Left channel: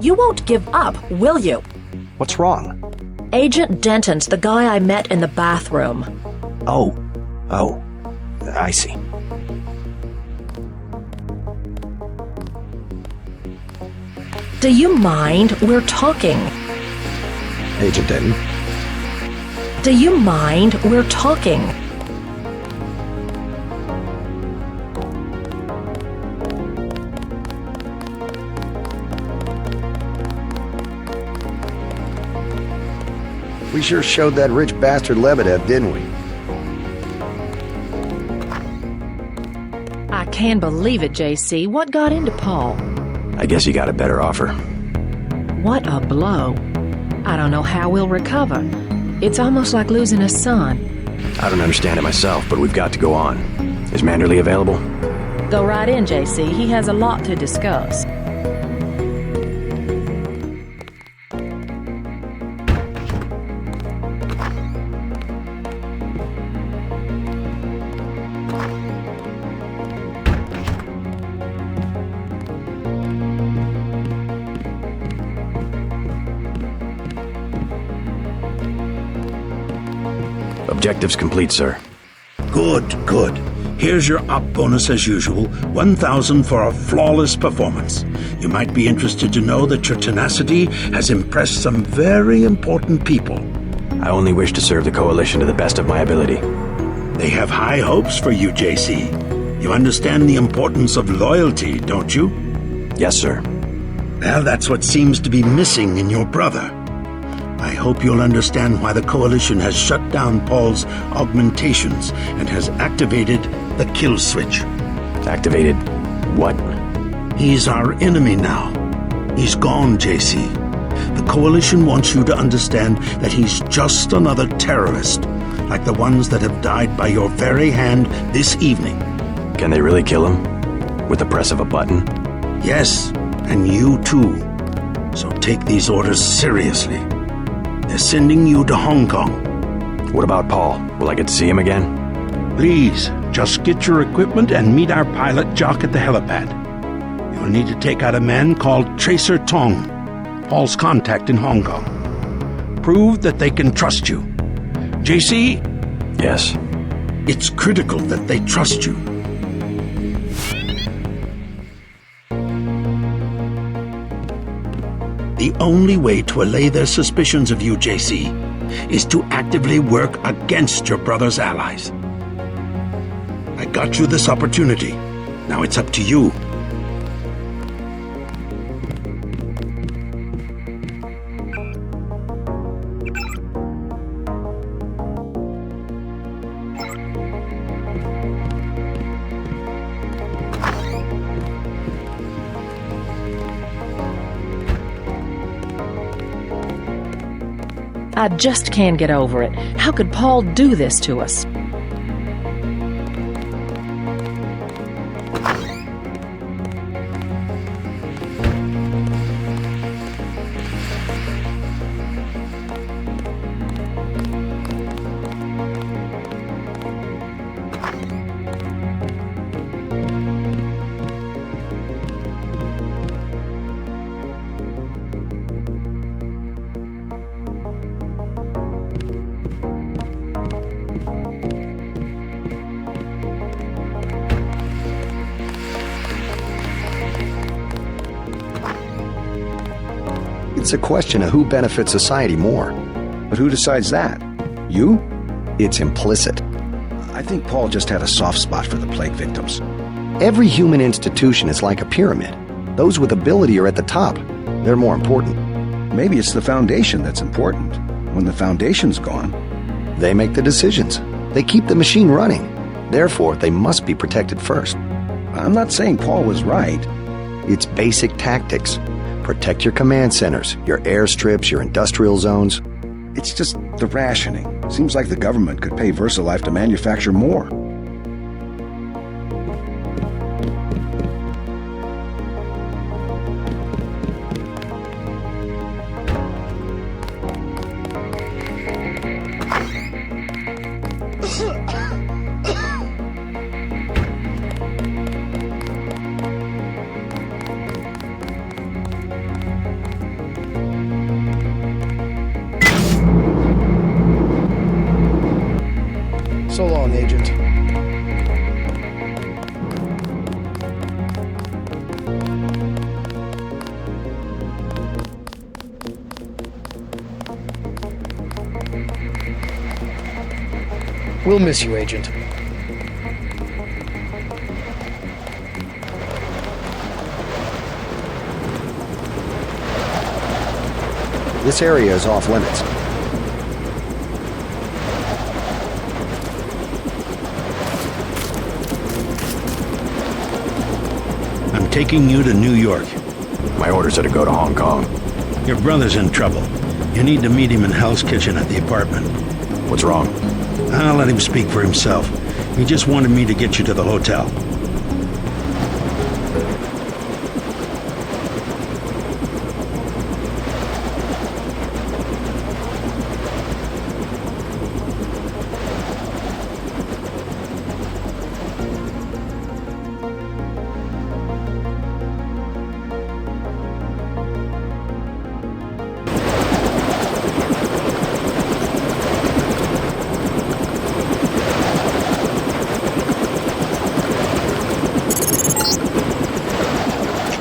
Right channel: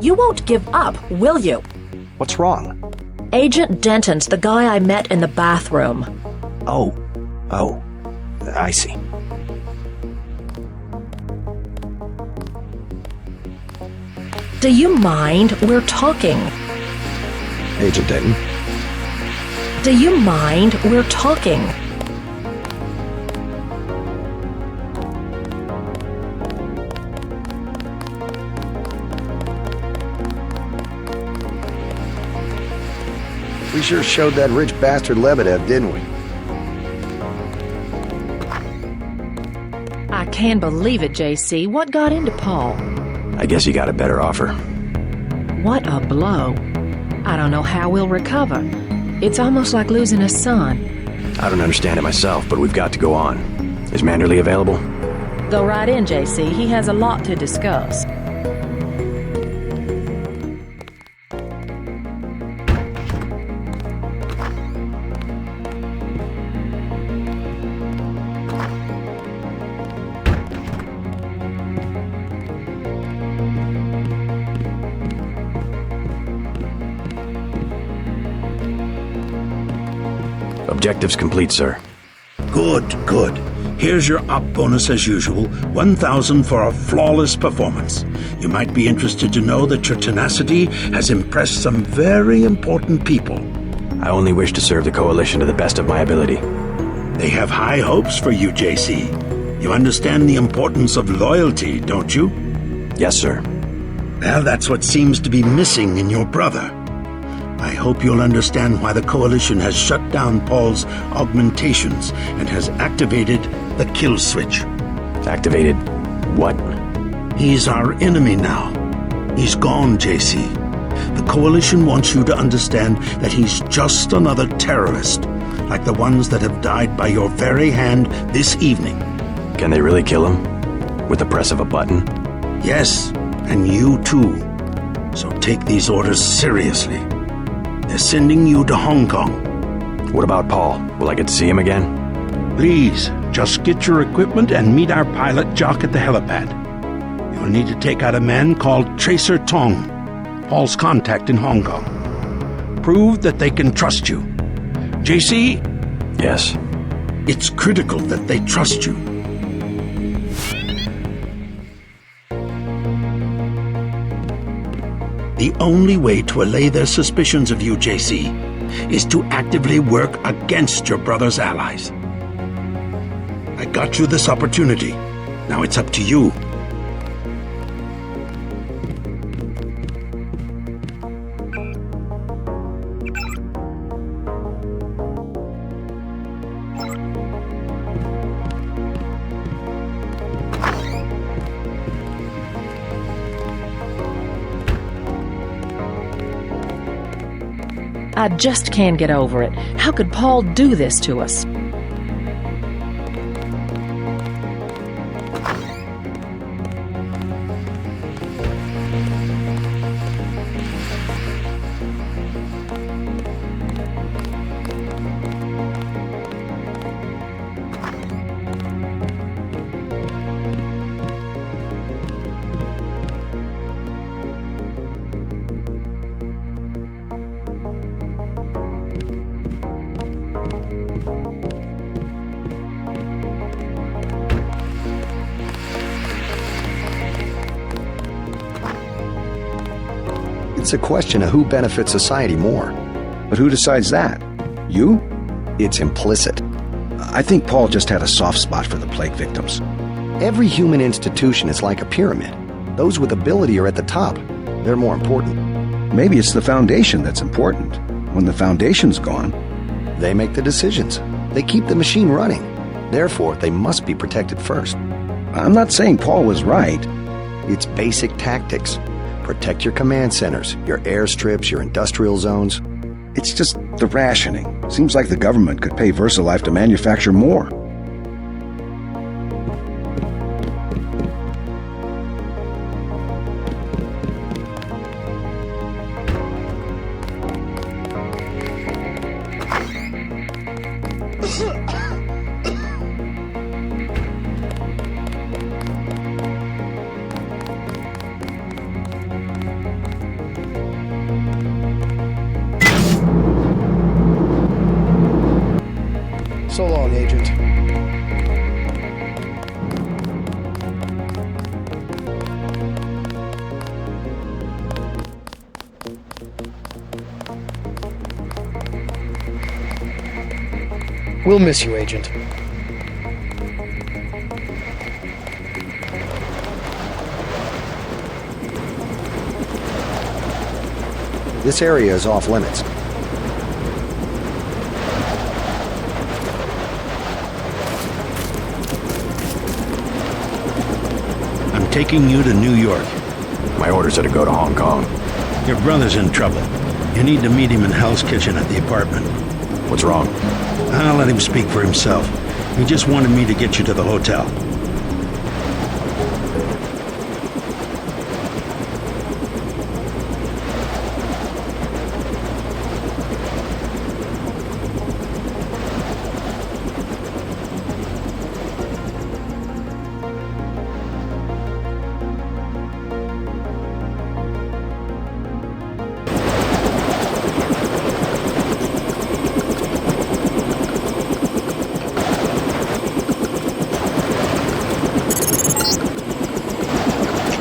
You won't give up, will you? What's wrong? Agent Denton's the guy I met in the bathroom. Oh, I see. Do you mind? We're talking. Agent Denton? Do you mind? We're talking. We sure showed that rich bastard Lebedev, didn't we? I can't believe it, JC. What got into Paul? I guess you got a better offer. What a blow. I don't know how we'll recover. It's almost like losing a son. I don't understand it myself, but we've got to go on. Is Manderley available? Go right in, JC. He has a lot to discuss. Objectives complete, sir. Good. Here's your op bonus as usual, 1,000 for a flawless performance. You might be interested to know that your tenacity has impressed some very important people. I only wish to serve the Coalition to the best of my ability. They have high hopes for you, JC. You understand the importance of loyalty, don't you? Yes, sir. Well, that's what seems to be missing in your brother. I hope you'll understand why the Coalition has shut down Paul's augmentations and has activated the kill switch. Activated what? He's our enemy now. He's gone, JC. The Coalition wants you to understand that he's just another terrorist, like the ones that have died by your very hand this evening. Can they really kill him? With the press of a button? Yes, and you too. So take these orders seriously. They're sending you to Hong Kong. What about Paul? Will I get to see him again? Please, just get your equipment and meet our pilot Jock at the helipad. You'll need to take out a man called Tracer Tong, Paul's contact in Hong Kong. Prove that they can trust you. JC? Yes. It's critical that they trust you. The only way to allay their suspicions of you, JC, is to actively work against your brother's allies. I got you this opportunity. Now it's up to you. I just can't get over it. How could Paul do this to us? It's a question of who benefits society more. But who decides that? You? It's implicit. I think Paul just had a soft spot for the plague victims. Every human institution is like a pyramid. Those with ability are at the top. They're more important. Maybe it's the foundation that's important. When the foundation's gone, They make the decisions. They keep the machine running. Therefore, they must be protected first. I'm not saying Paul was right. It's basic tactics. Protect your command centers, your airstrips, your industrial zones. It's just the rationing. Seems like the government could pay VersaLife to manufacture more. So long, Agent. We'll miss you, Agent. This area is off limits. I'm taking you to New York. My orders are to go to Hong Kong. Your brother's in trouble. You need to meet him in Hell's Kitchen at the apartment. What's wrong? I'll let him speak for himself. He just wanted me to get you to the hotel.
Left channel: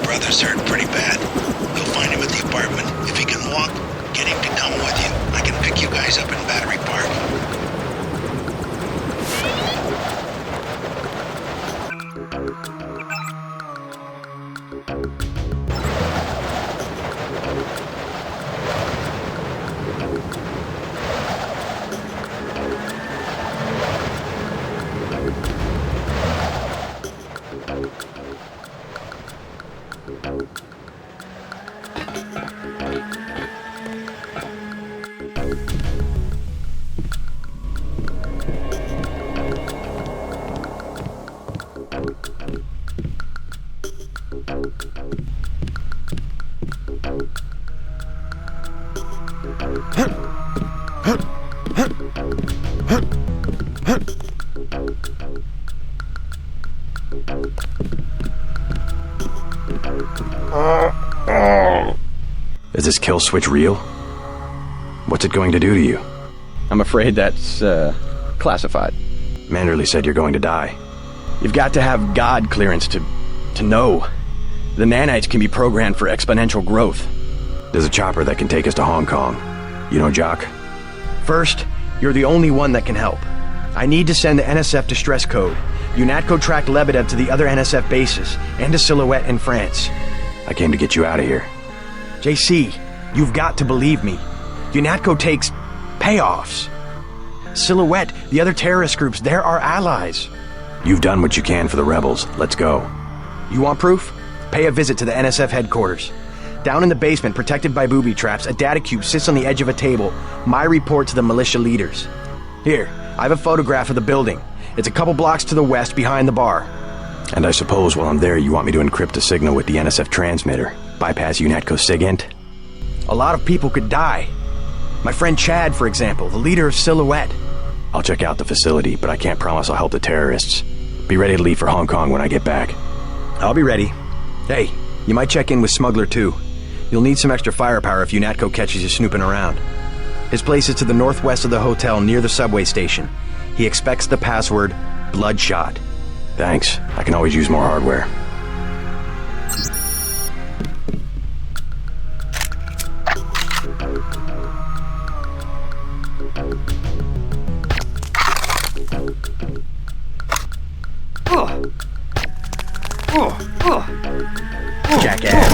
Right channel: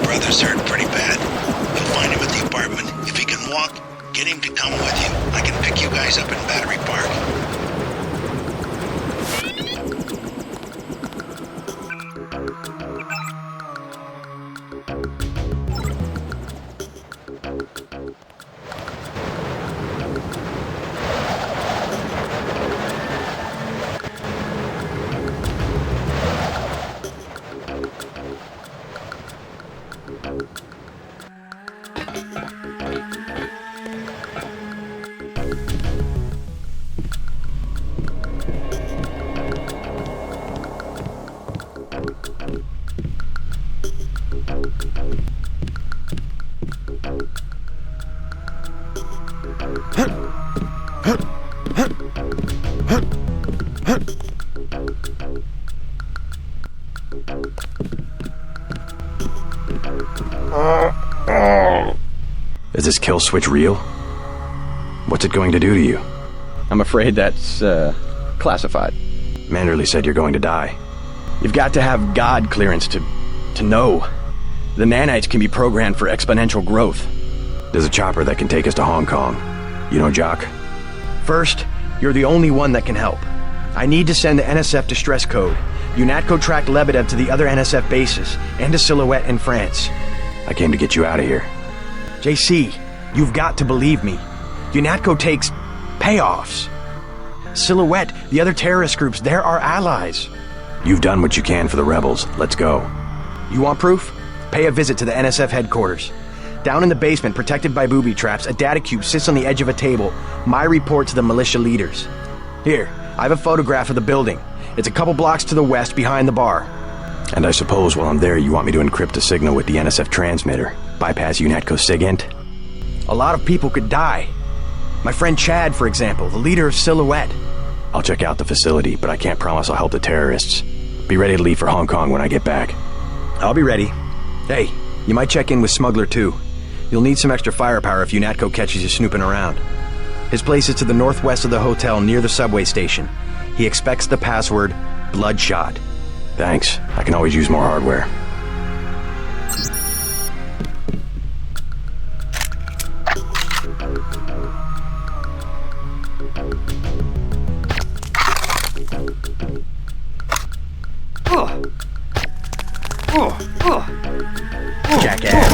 Brother's hurt pretty bad. You'll find him at the apartment. If he can walk, get him to come with you. I can pick you guys up in Battery Park. Is this kill switch real? What's it going to do to you? I'm afraid that's, classified. Manderley said you're going to die. You've got to have God clearance to know. The nanites can be programmed for exponential growth. There's a chopper that can take us to Hong Kong. You know Jock? First, you're the only one that can help. I need to send the NSF distress code. UNATCO tracked Lebedev to the other NSF bases, and to Silhouette in France. I came to get you out of here. JC, you've got to believe me. UNATCO takes payoffs. Silhouette, the other terrorist groups, they're our allies. You've done what you can for the rebels. Let's go. You want proof? Pay a visit to the NSF headquarters. Down in the basement, protected by booby traps, a data cube sits on the edge of a table. My report to the militia leaders. Here, I have a photograph of the building. It's a couple blocks to the west, behind the bar. And I suppose while I'm there, you want me to encrypt a signal with the NSF transmitter, bypass UNATCO SIGINT? A lot of people could die. My friend Chad, for example, the leader of Silhouette. I'll check out the facility, but I can't promise I'll help the terrorists. Be ready to leave for Hong Kong when I get back. I'll be ready. Hey, you might check in with Smuggler too. You'll need some extra firepower if UNATCO catches you snooping around. His place is to the northwest of the hotel near the subway station. He expects the password, Bloodshot. Thanks. I can always use more hardware. Jackass.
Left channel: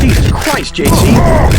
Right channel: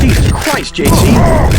Jesus Christ, JC!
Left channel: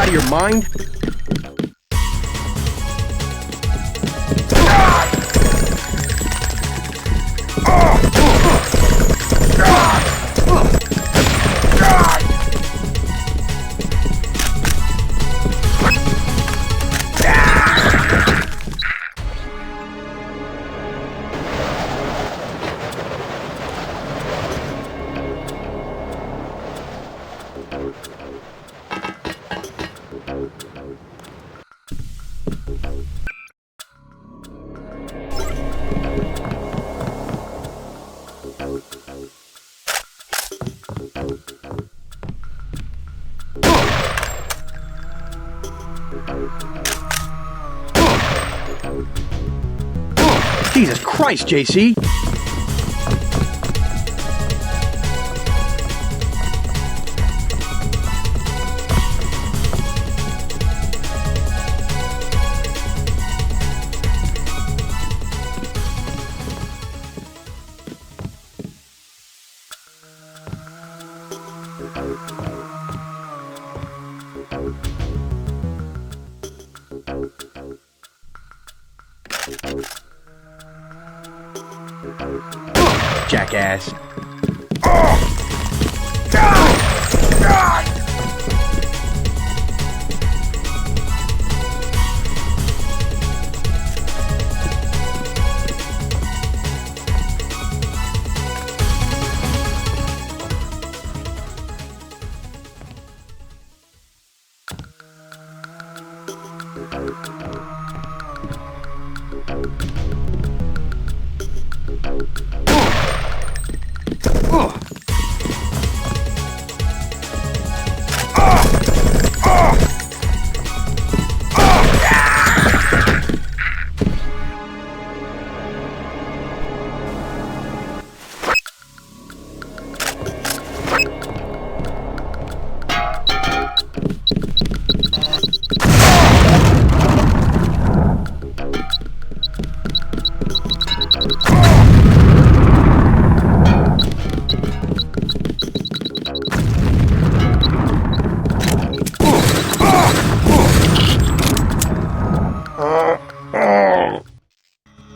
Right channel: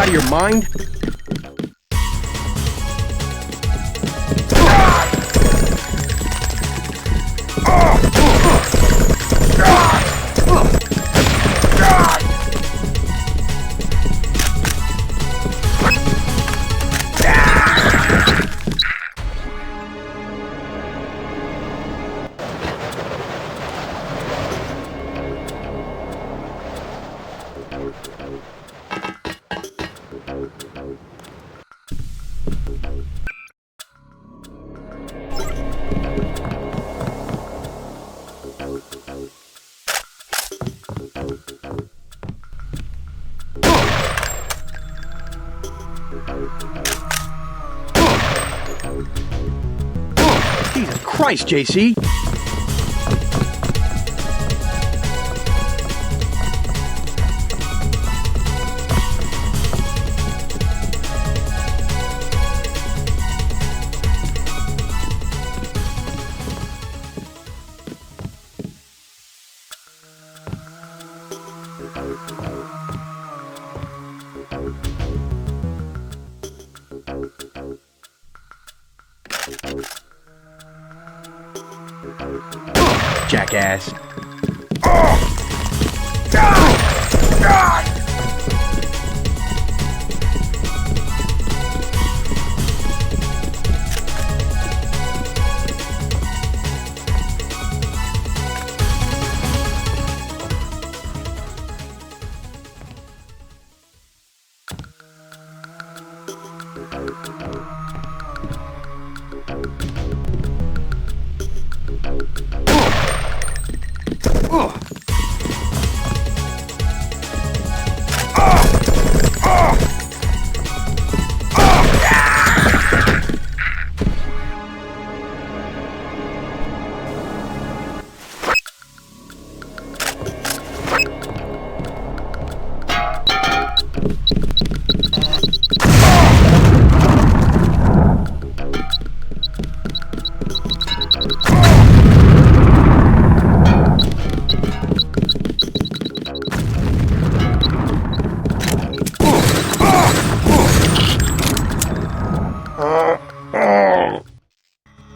out of your mind? Jesus Christ, JC! Jackass.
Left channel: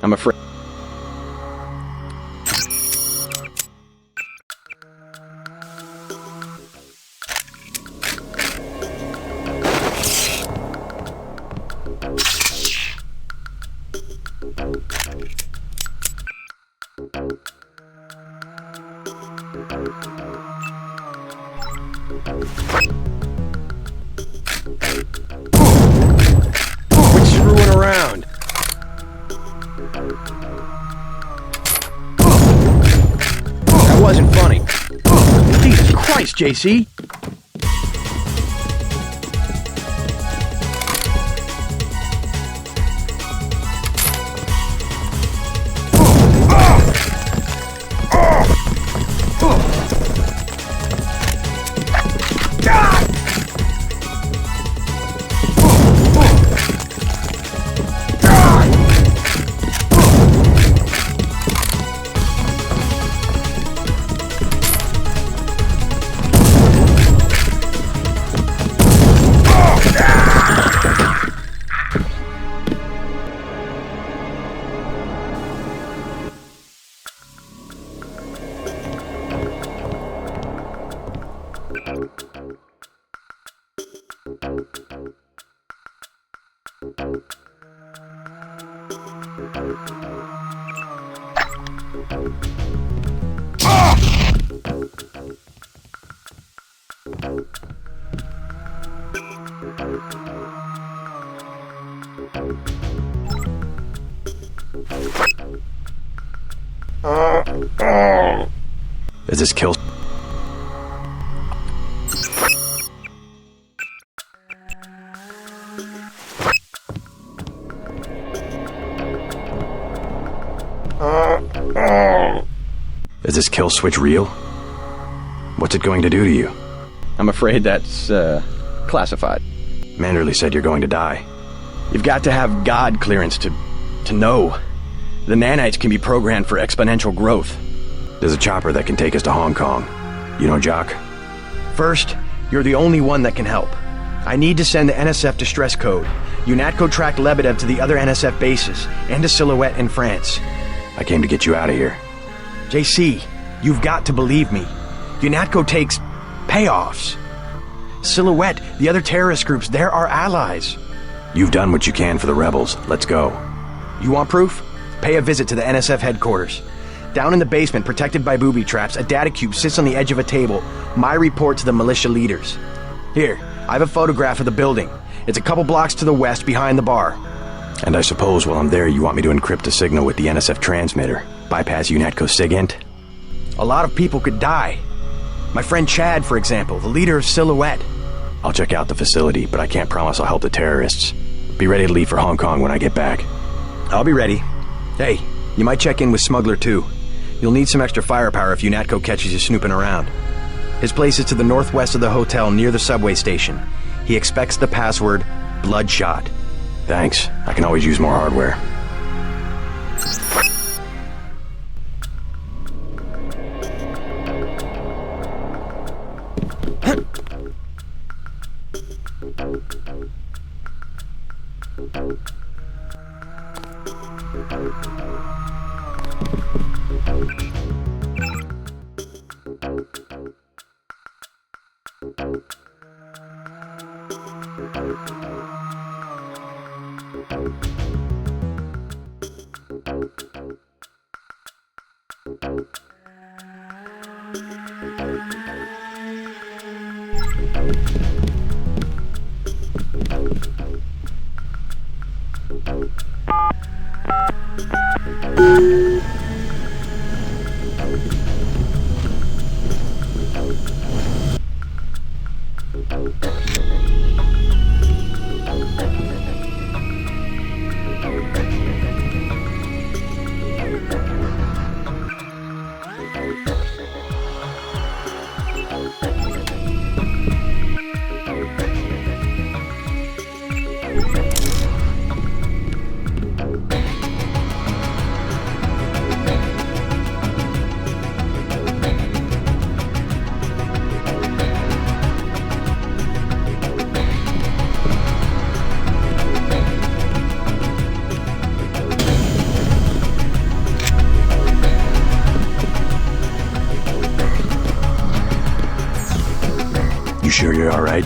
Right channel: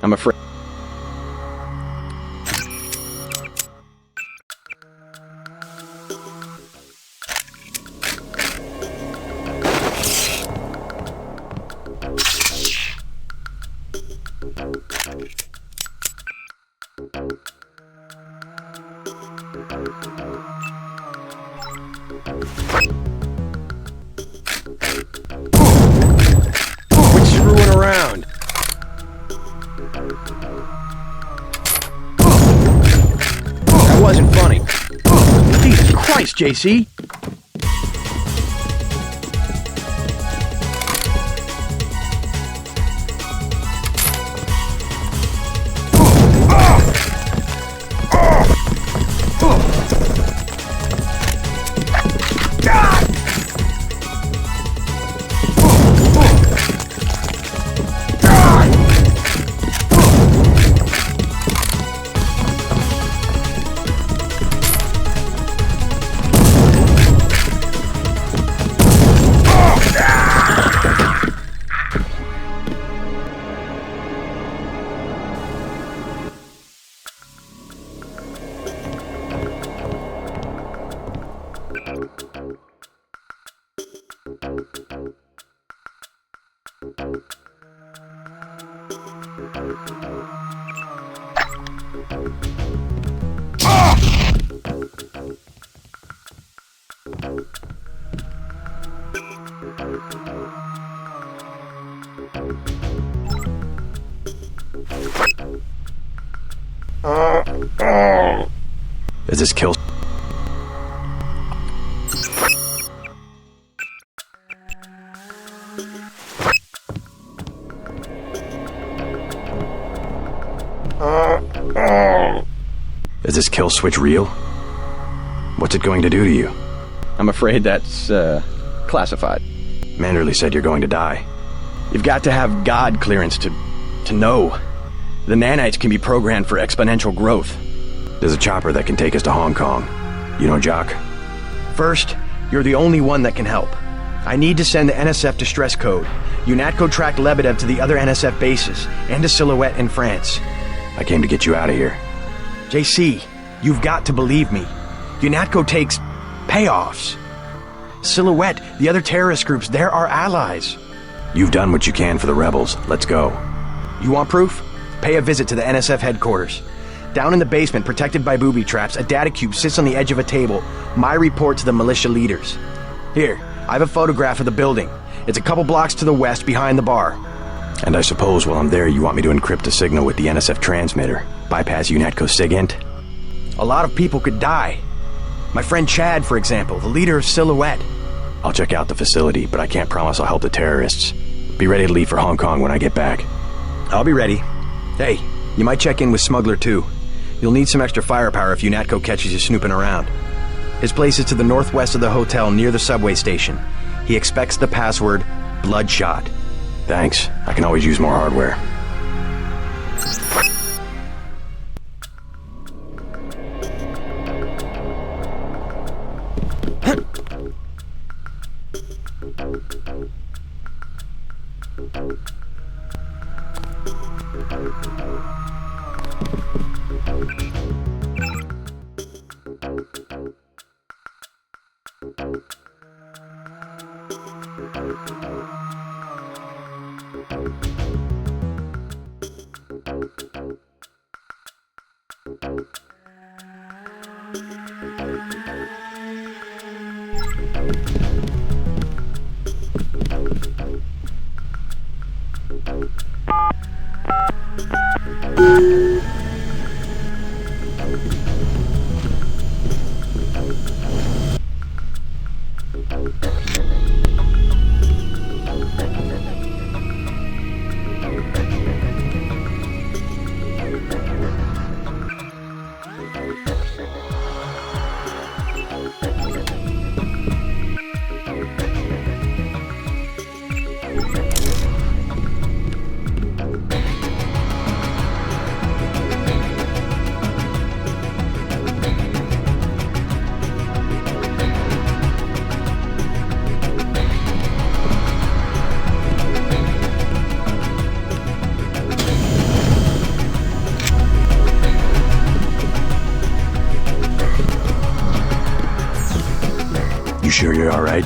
I'm afraid. Quit screwing around. That wasn't funny. Jesus Christ, JC! Is this kill? Is this kill switch real? What's it going to do to you? I'm afraid that's, classified. Manderley said you're going to die. You've got to have God clearance to know. The nanites can be programmed for exponential growth. There's a chopper that can take us to Hong Kong. You know Jock? First, you're the only one that can help. I need to send the NSF distress code. UNATCO tracked Lebedev to the other NSF bases, and to Silhouette in France. I came to get you out of here. JC, you've got to believe me. UNATCO takes payoffs. Silhouette, the other terrorist groups, they're our allies. You've done what you can for the rebels. Let's go. You want proof? Pay a visit to the NSF headquarters. Down in the basement, protected by booby traps, a data cube sits on the edge of a table. My report to the militia leaders. Here, I have a photograph of the building. It's a couple blocks to the west, behind the bar. And I suppose while I'm there, you want me to encrypt a signal with the NSF transmitter, bypass UNATCO SIGINT? A lot of people could die. My friend Chad, for example, the leader of Silhouette. I'll check out the facility, but I can't promise I'll help the terrorists. Be ready to leave for Hong Kong when I get back. I'll be ready. Hey, you might check in with Smuggler too. You'll need some extra firepower if UNATCO catches you snooping around. His place is to the northwest of the hotel near the subway station. He expects the password, Bloodshot. Thanks. I can always use more hardware. You sure you're alright?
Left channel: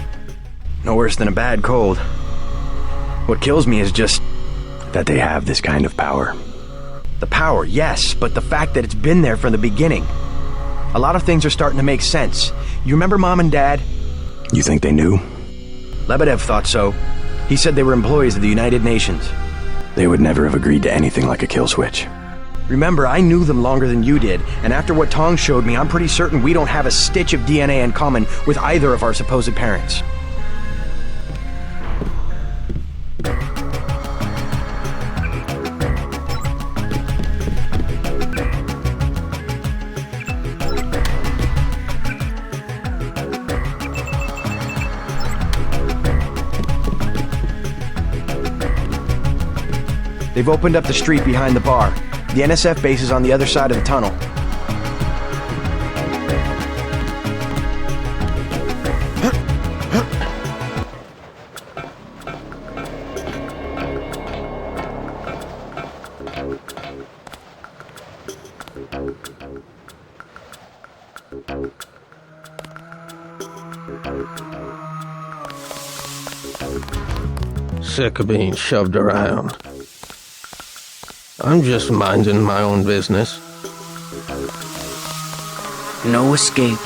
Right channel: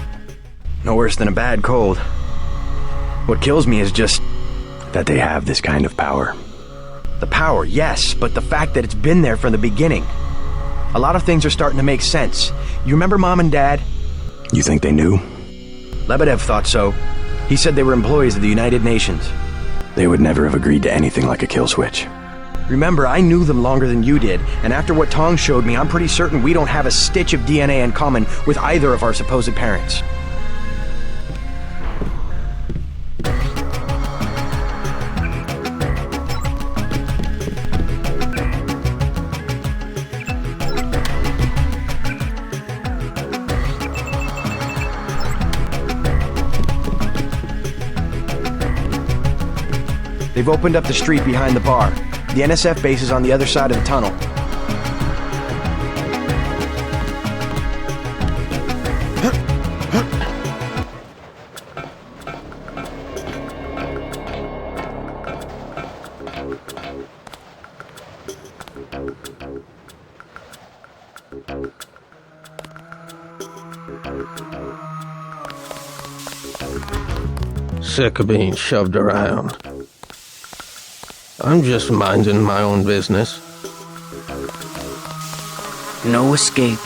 No worse than a bad cold. What kills me is just That they have this kind of power. the power, yes, but the fact that it's been there from the beginning. A lot of things are starting to make sense. You remember Mom and Dad? You think they knew? Lebedev thought so. He said they were employees of the United Nations. They would never have agreed to anything like a kill switch. Remember, I knew them longer than you did, and after what Tong showed me, I'm pretty certain we don't have a stitch of DNA in common with either of our supposed parents. They've opened up the street behind the bar. The NSF base is on the other side of the tunnel. Sick of being shoved around. I'm just minding my own business. No escape.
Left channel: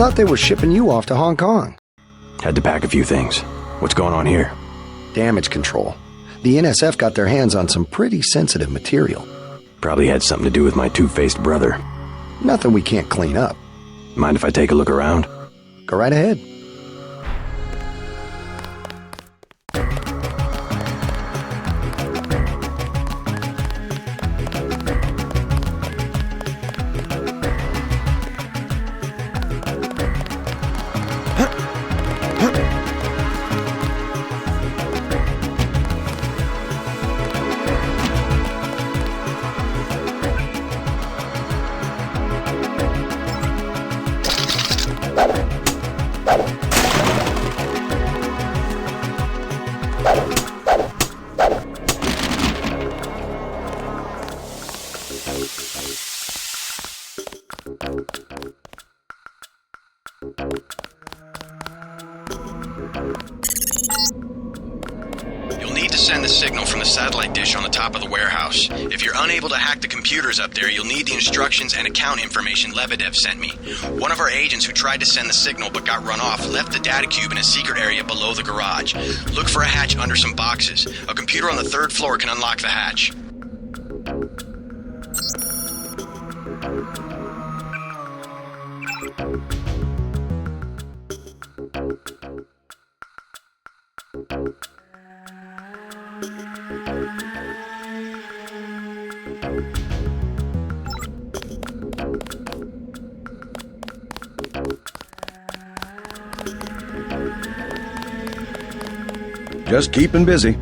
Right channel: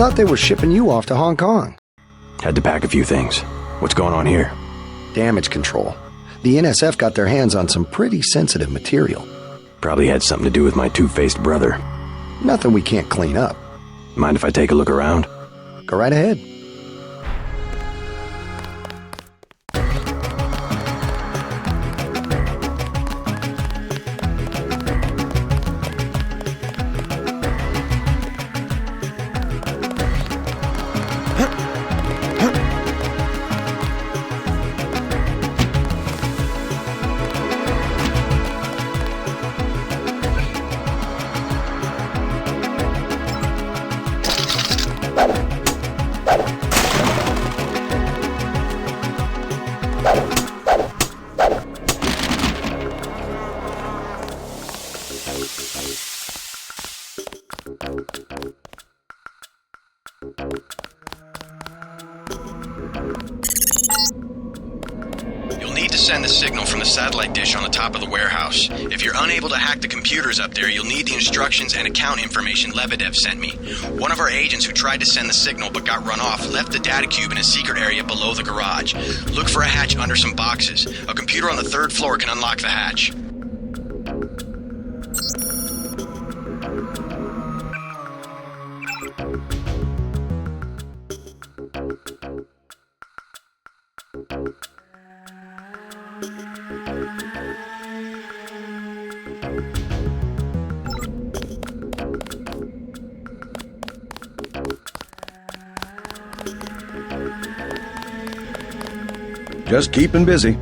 thought they were shipping you off to Hong Kong. Had to pack a few things. What's going on here? Damage control. The NSF got their hands on some pretty sensitive material. Probably had something to do with my two-faced brother. Nothing we can't clean up. Mind if I take a look around? Go right ahead. Just keeping busy.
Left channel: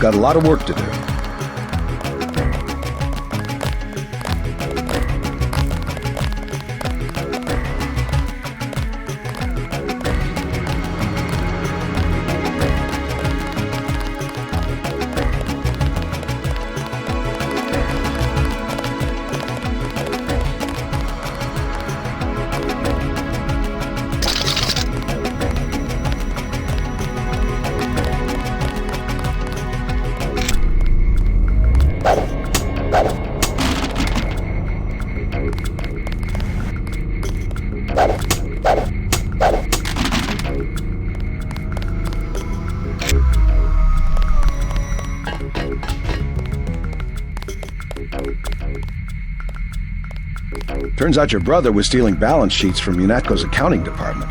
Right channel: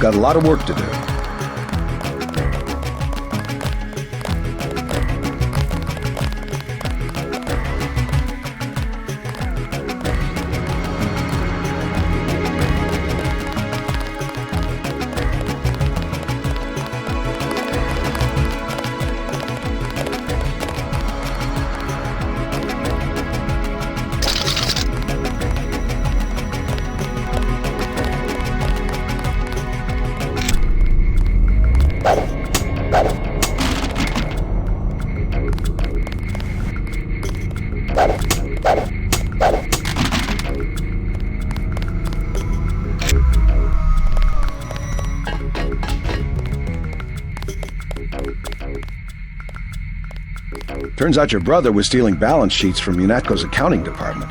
Got a lot of work to do. Turns out your brother was stealing balance sheets from UNATCO's accounting department.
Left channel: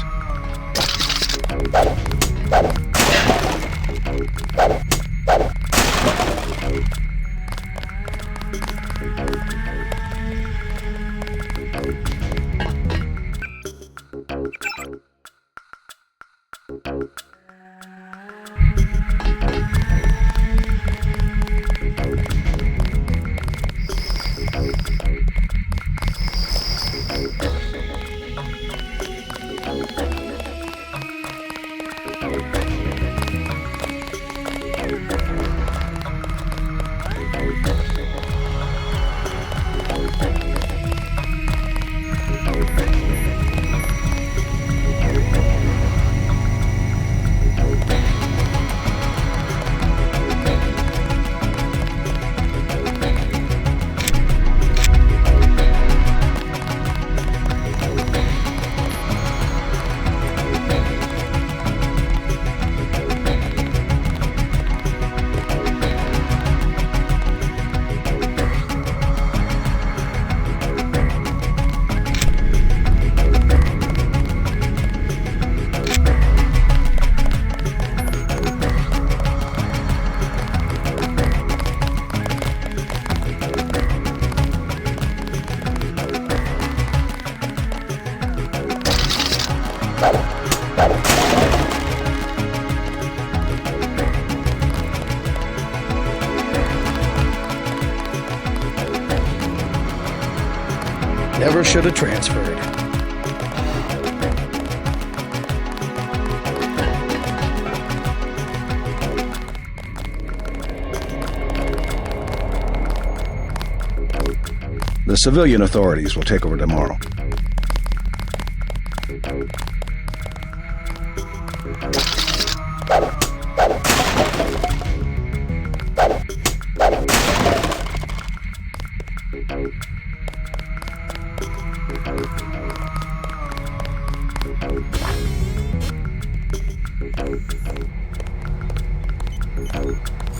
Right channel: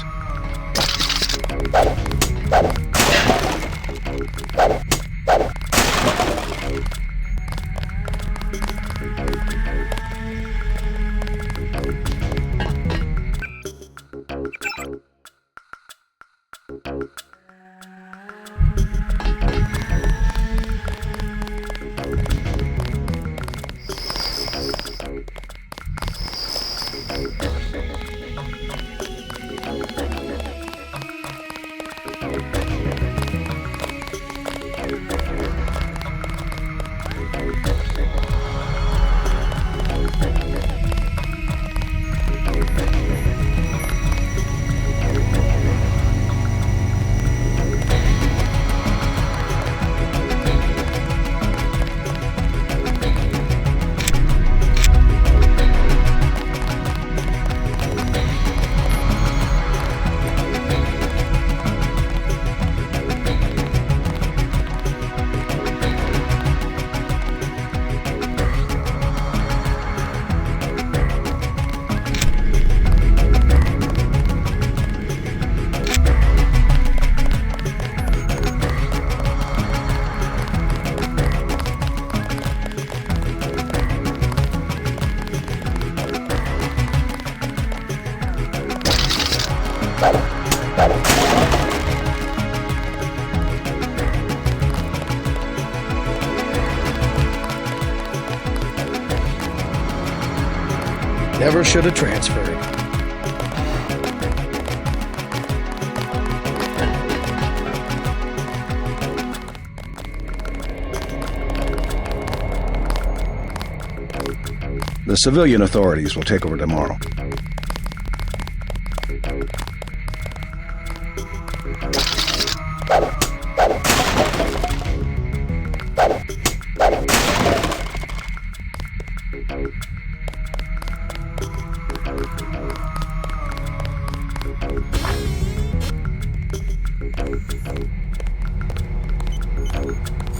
The civilian authorities will take over tomorrow.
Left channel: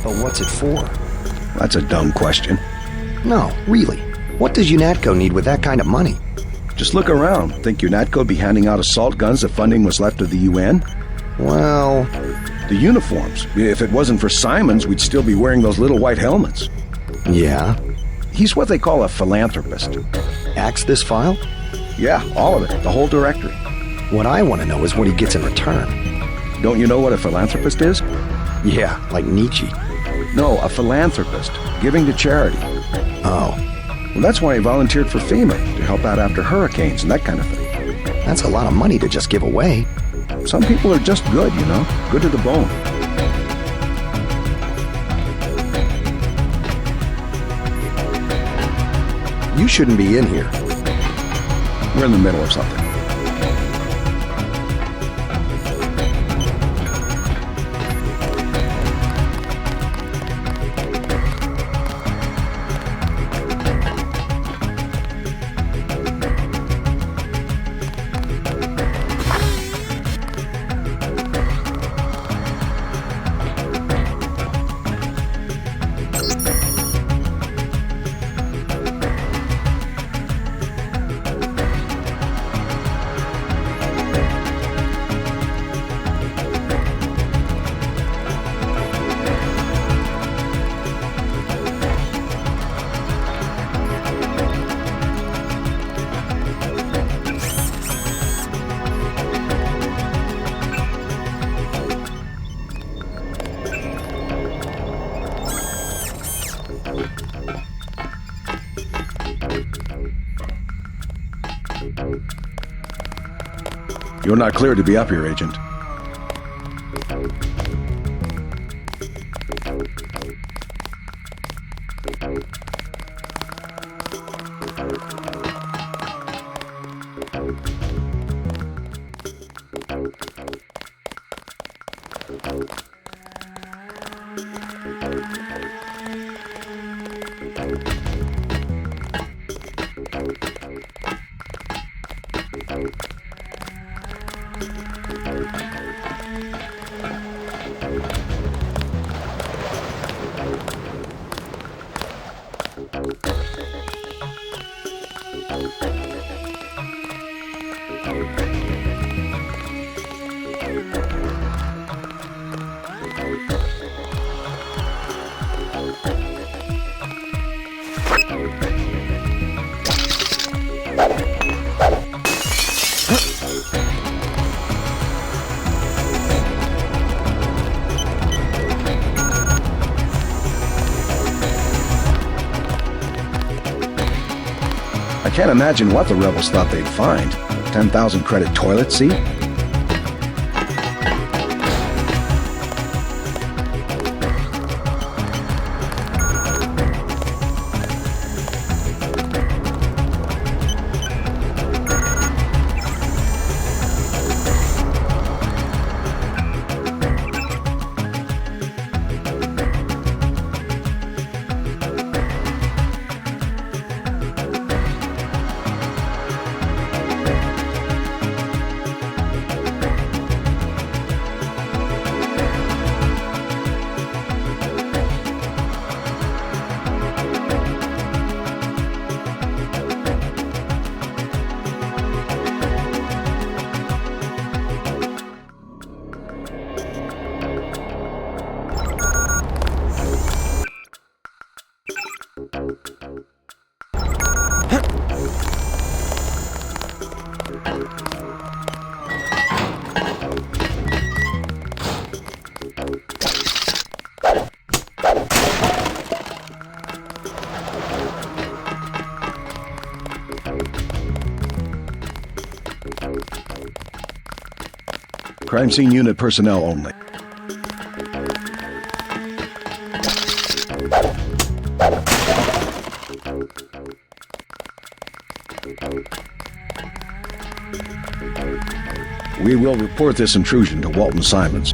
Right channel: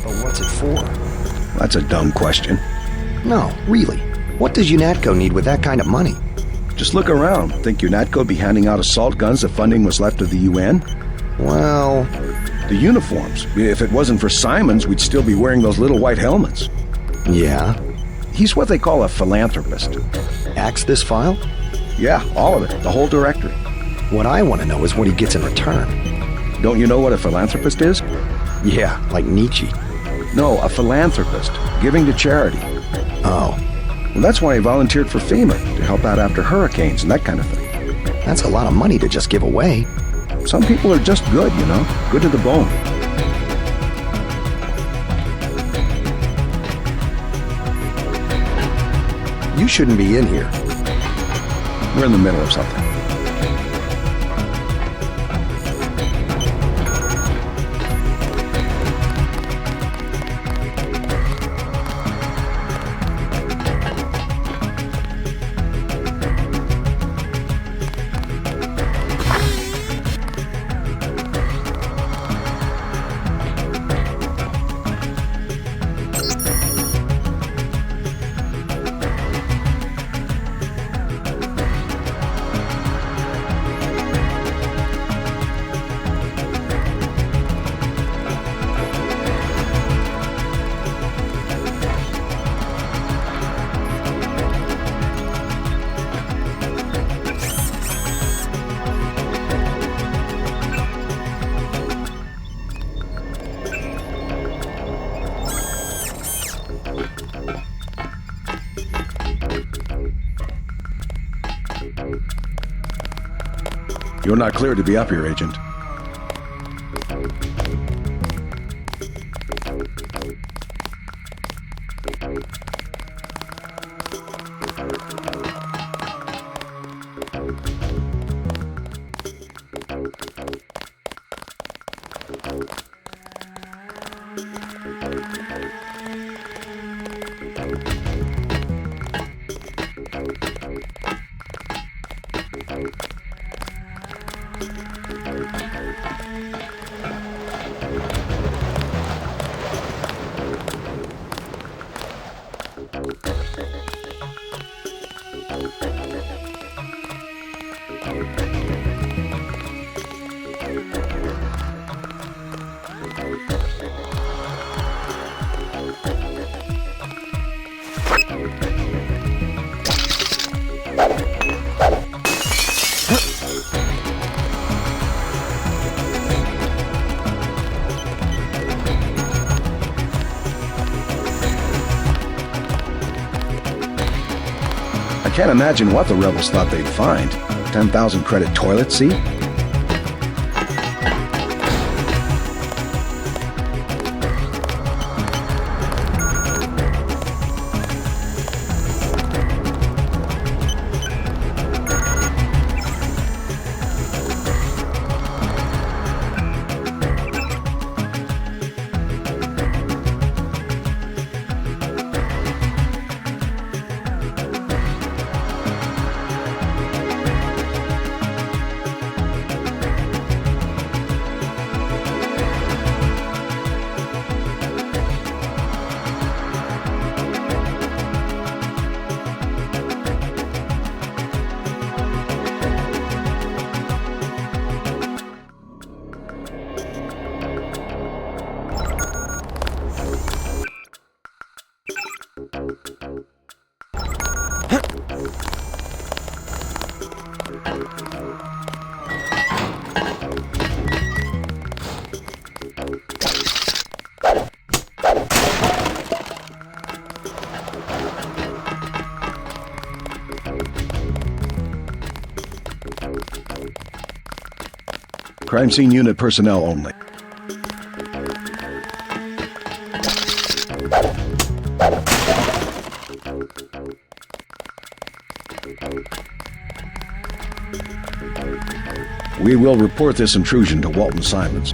But what's it for? That's a dumb question. No, really. What does UNATCO need with that kind of money? Just look around. Think UNATCO'd be handing out assault guns if funding was left of the UN? Well, The uniforms. If it wasn't for Simons, we'd still be wearing those little white helmets. yeah. He's what they call a philanthropist. Axe this file? Yeah, all of it. The whole directory. What I want to know is what he gets in return. Don't you know what a philanthropist is? Yeah, like Nietzsche. No, a philanthropist. Giving to charity. Oh, Well, that's why he volunteered for FEMA, to help out after hurricanes and that kind of thing. that's a lot of money to just give away. Some people are just good, you know? Good to the bone. You shouldn't be in here. We're in the middle of something. You're not cleared to be up here, Agent. I can't imagine what the rebels thought they'd find. A 10,000 credit toilet seat? Crime scene unit personnel only. We will report to Walton Simons.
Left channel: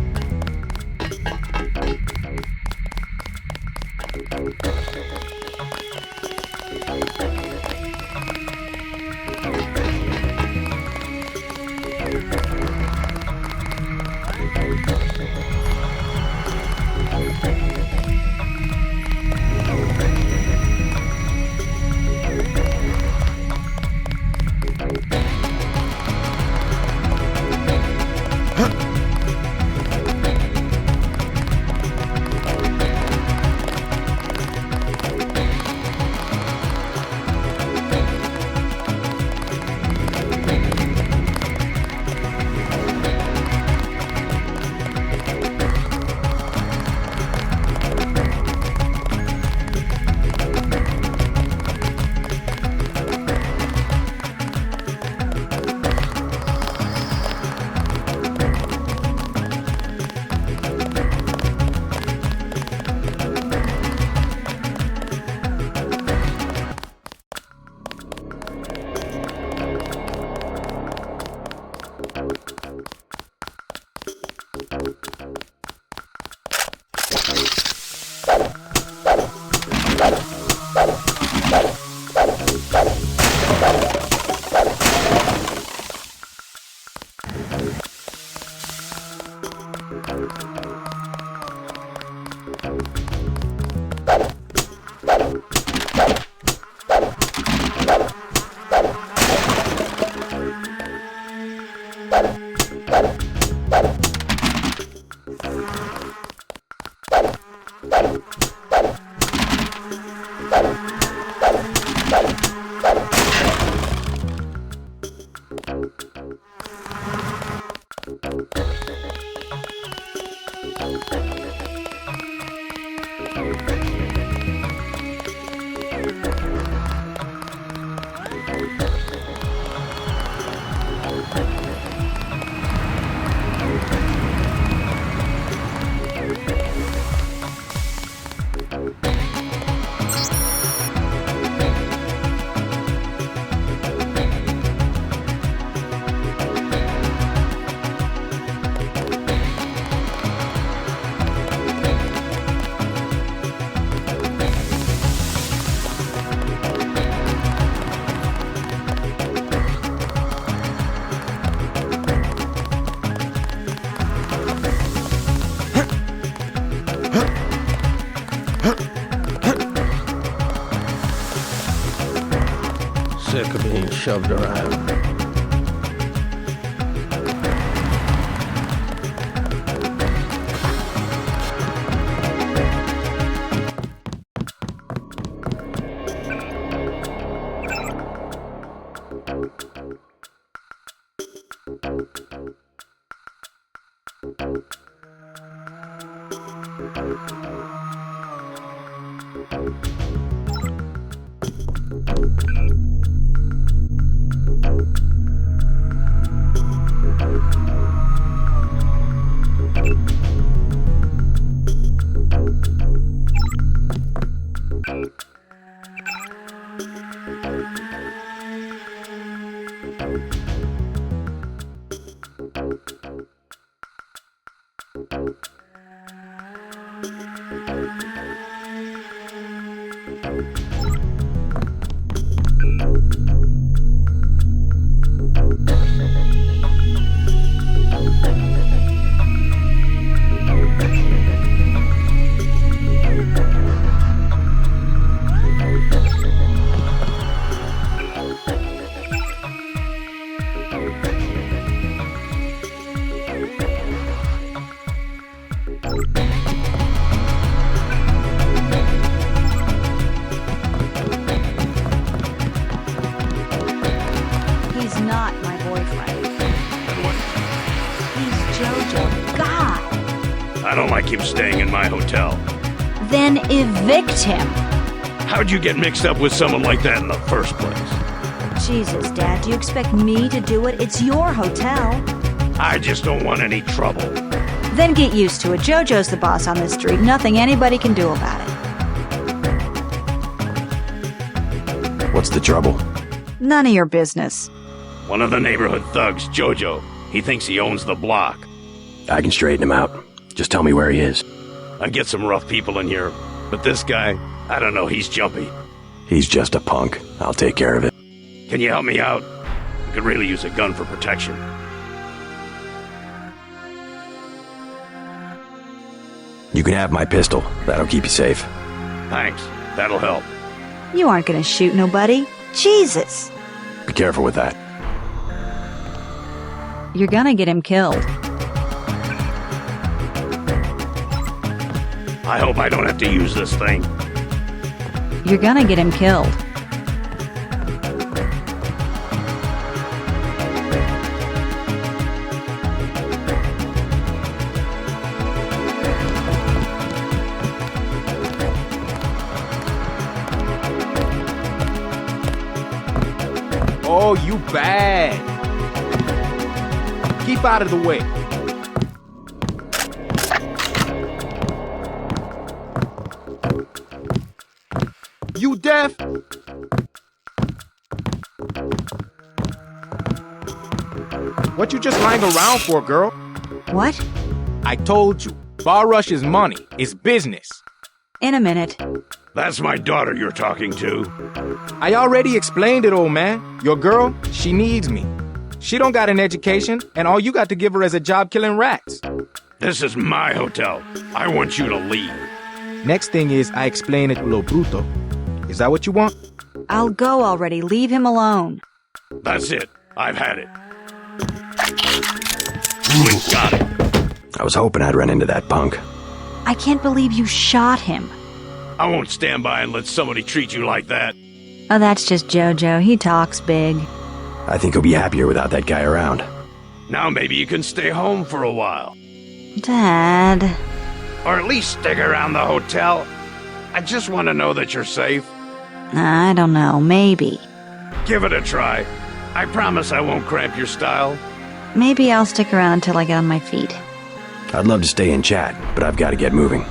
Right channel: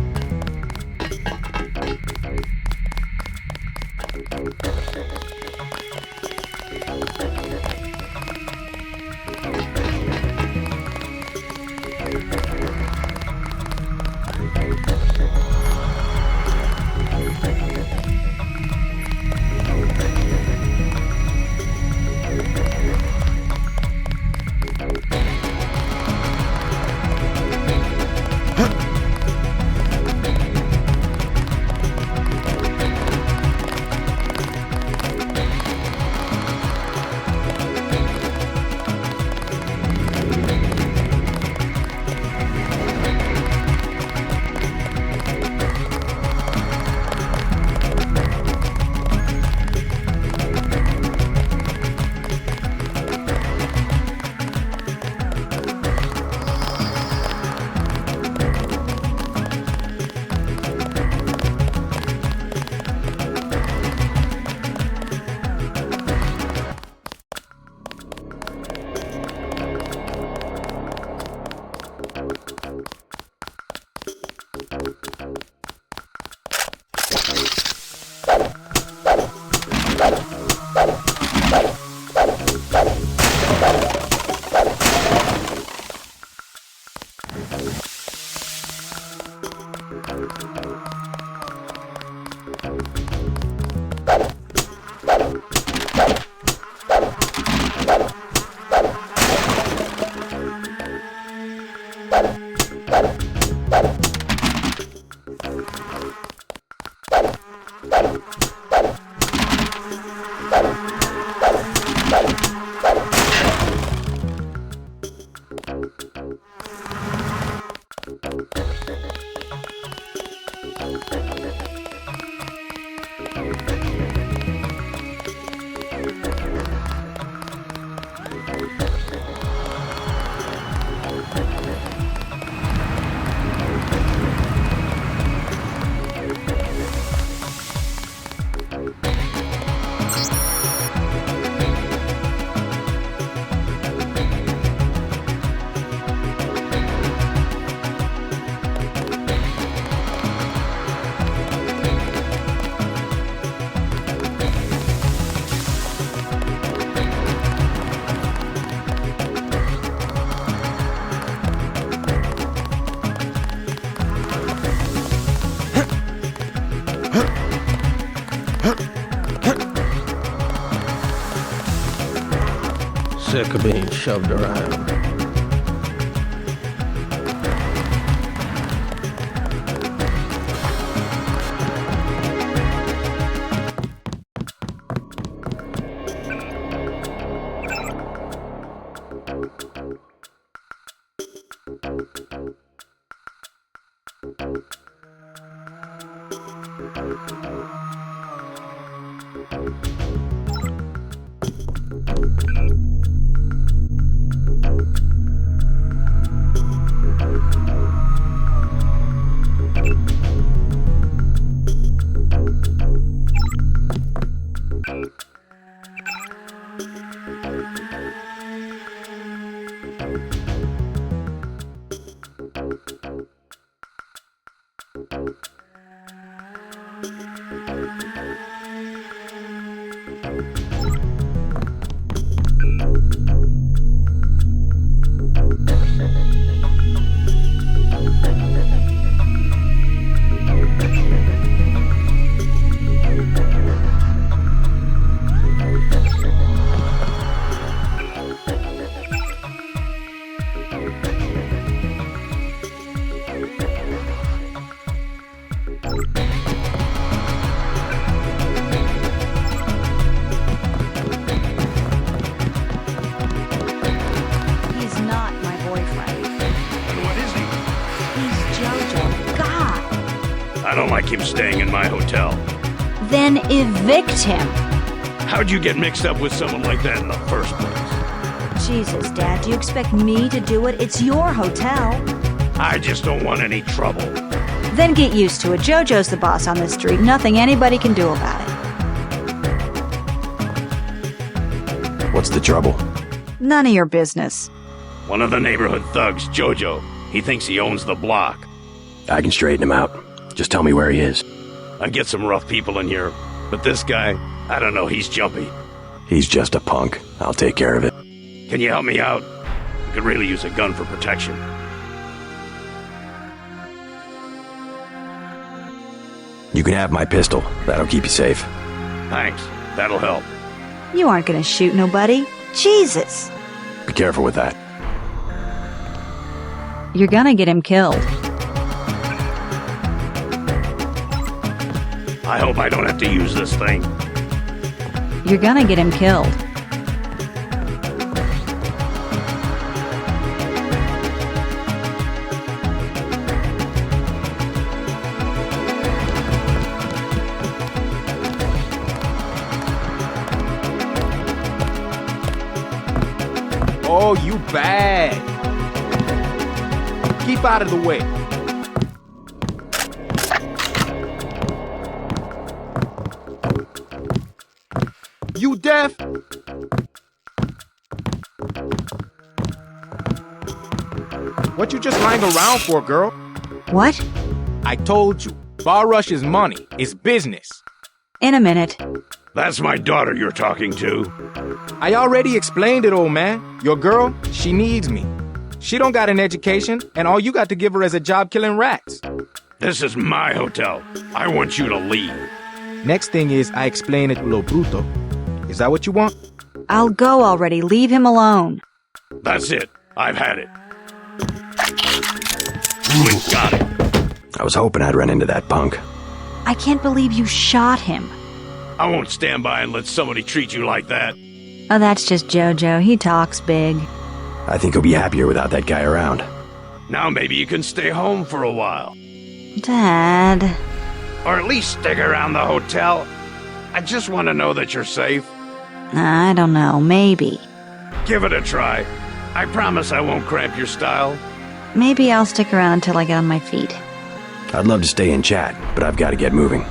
Sick of it. He's not. He's JoJo. God. I don't like him staying in my hotel. Then evict him. How'd you get mixed up with someone like that in the first place? Jesus, Dad, do you expect me to do it? It's your hotel. I just don't want any trouble. Then get used to it. JoJo's the boss on this street. Nothing anybody can do about it. What's the trouble? None of your business. One of the neighborhood thugs, JoJo. He thinks he owns the block. I can straighten him out. Just tell me where he is. I get some rough people in here, but this guy, I don't know, he's jumpy. He's just a punk. I'll take care of it. Can you help me out? I could really use a gun for protection. You can have my pistol. That'll keep you safe. Thanks. That'll help. You aren't gonna shoot nobody. Jesus! Be careful with that. You're gonna get him killed. I hope I don't have to use this thing. You're gonna get him killed. Oh, you bad. Keep out of the way. You deaf? What you just lying around for, girl? What? I told you, bar rush is money, it's business. In a minute. That's my daughter you're talking to. I already explained it, old man. Your girl, she needs me. She don't got an education, and all you got to give her is a job killing rats. This is my hotel. I want you to leave. Next thing is I explain it lo bruto. Is that what you want? I'll go already. Leave him alone. That's it. I've had it. We got it. I was hoping I'd run into that punk. I can't believe you shot him. I won't stand by and let somebody treat you like that. Oh, that's just JoJo. He talks big. I think he'll be happier without that guy around. Now maybe you can stay home for a while. Dad. Or at least stick around the hotel. I just want to know that you're safe. I don't know. Maybe. Give it a try. I promise I won't cramp your style. Maybe I'll stick around until I get on my feet. I'd love to stay and chat, but I've got to get moving.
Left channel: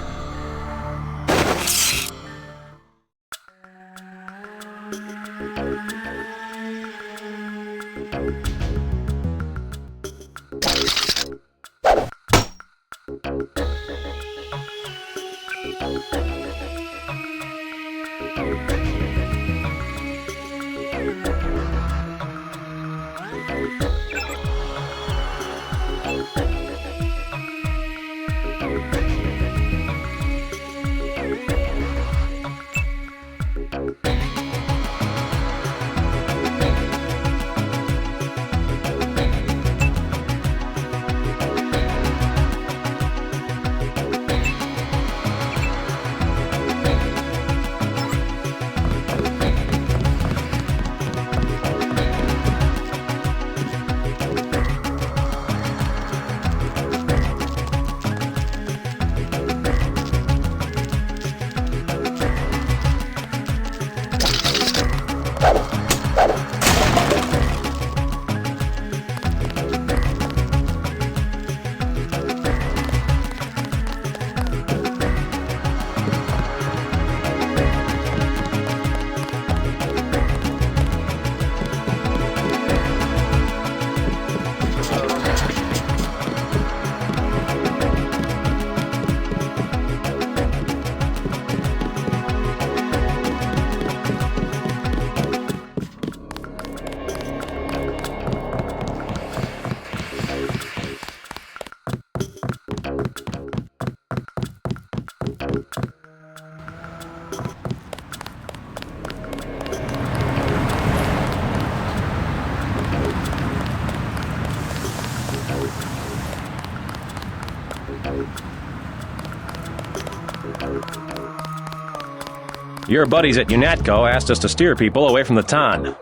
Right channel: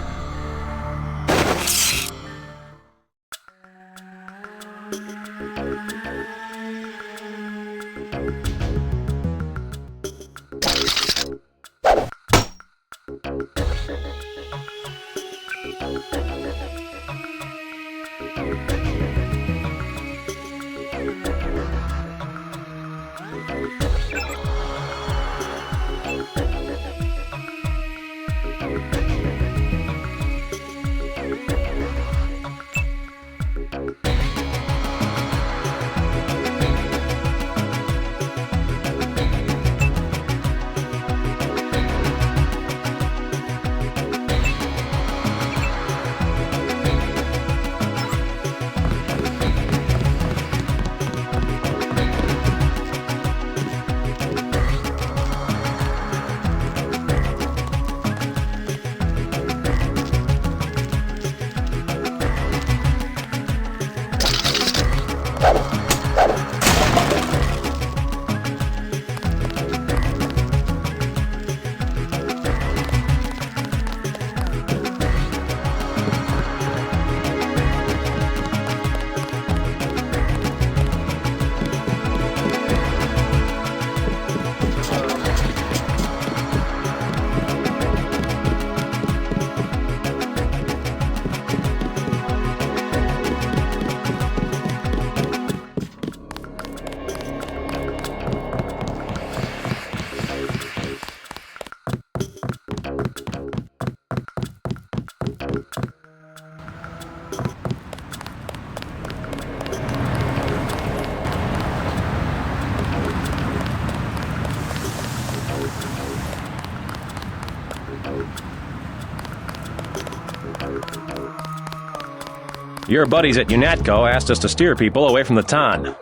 Your buddies at UNATCO asked us to steer people away from the ton.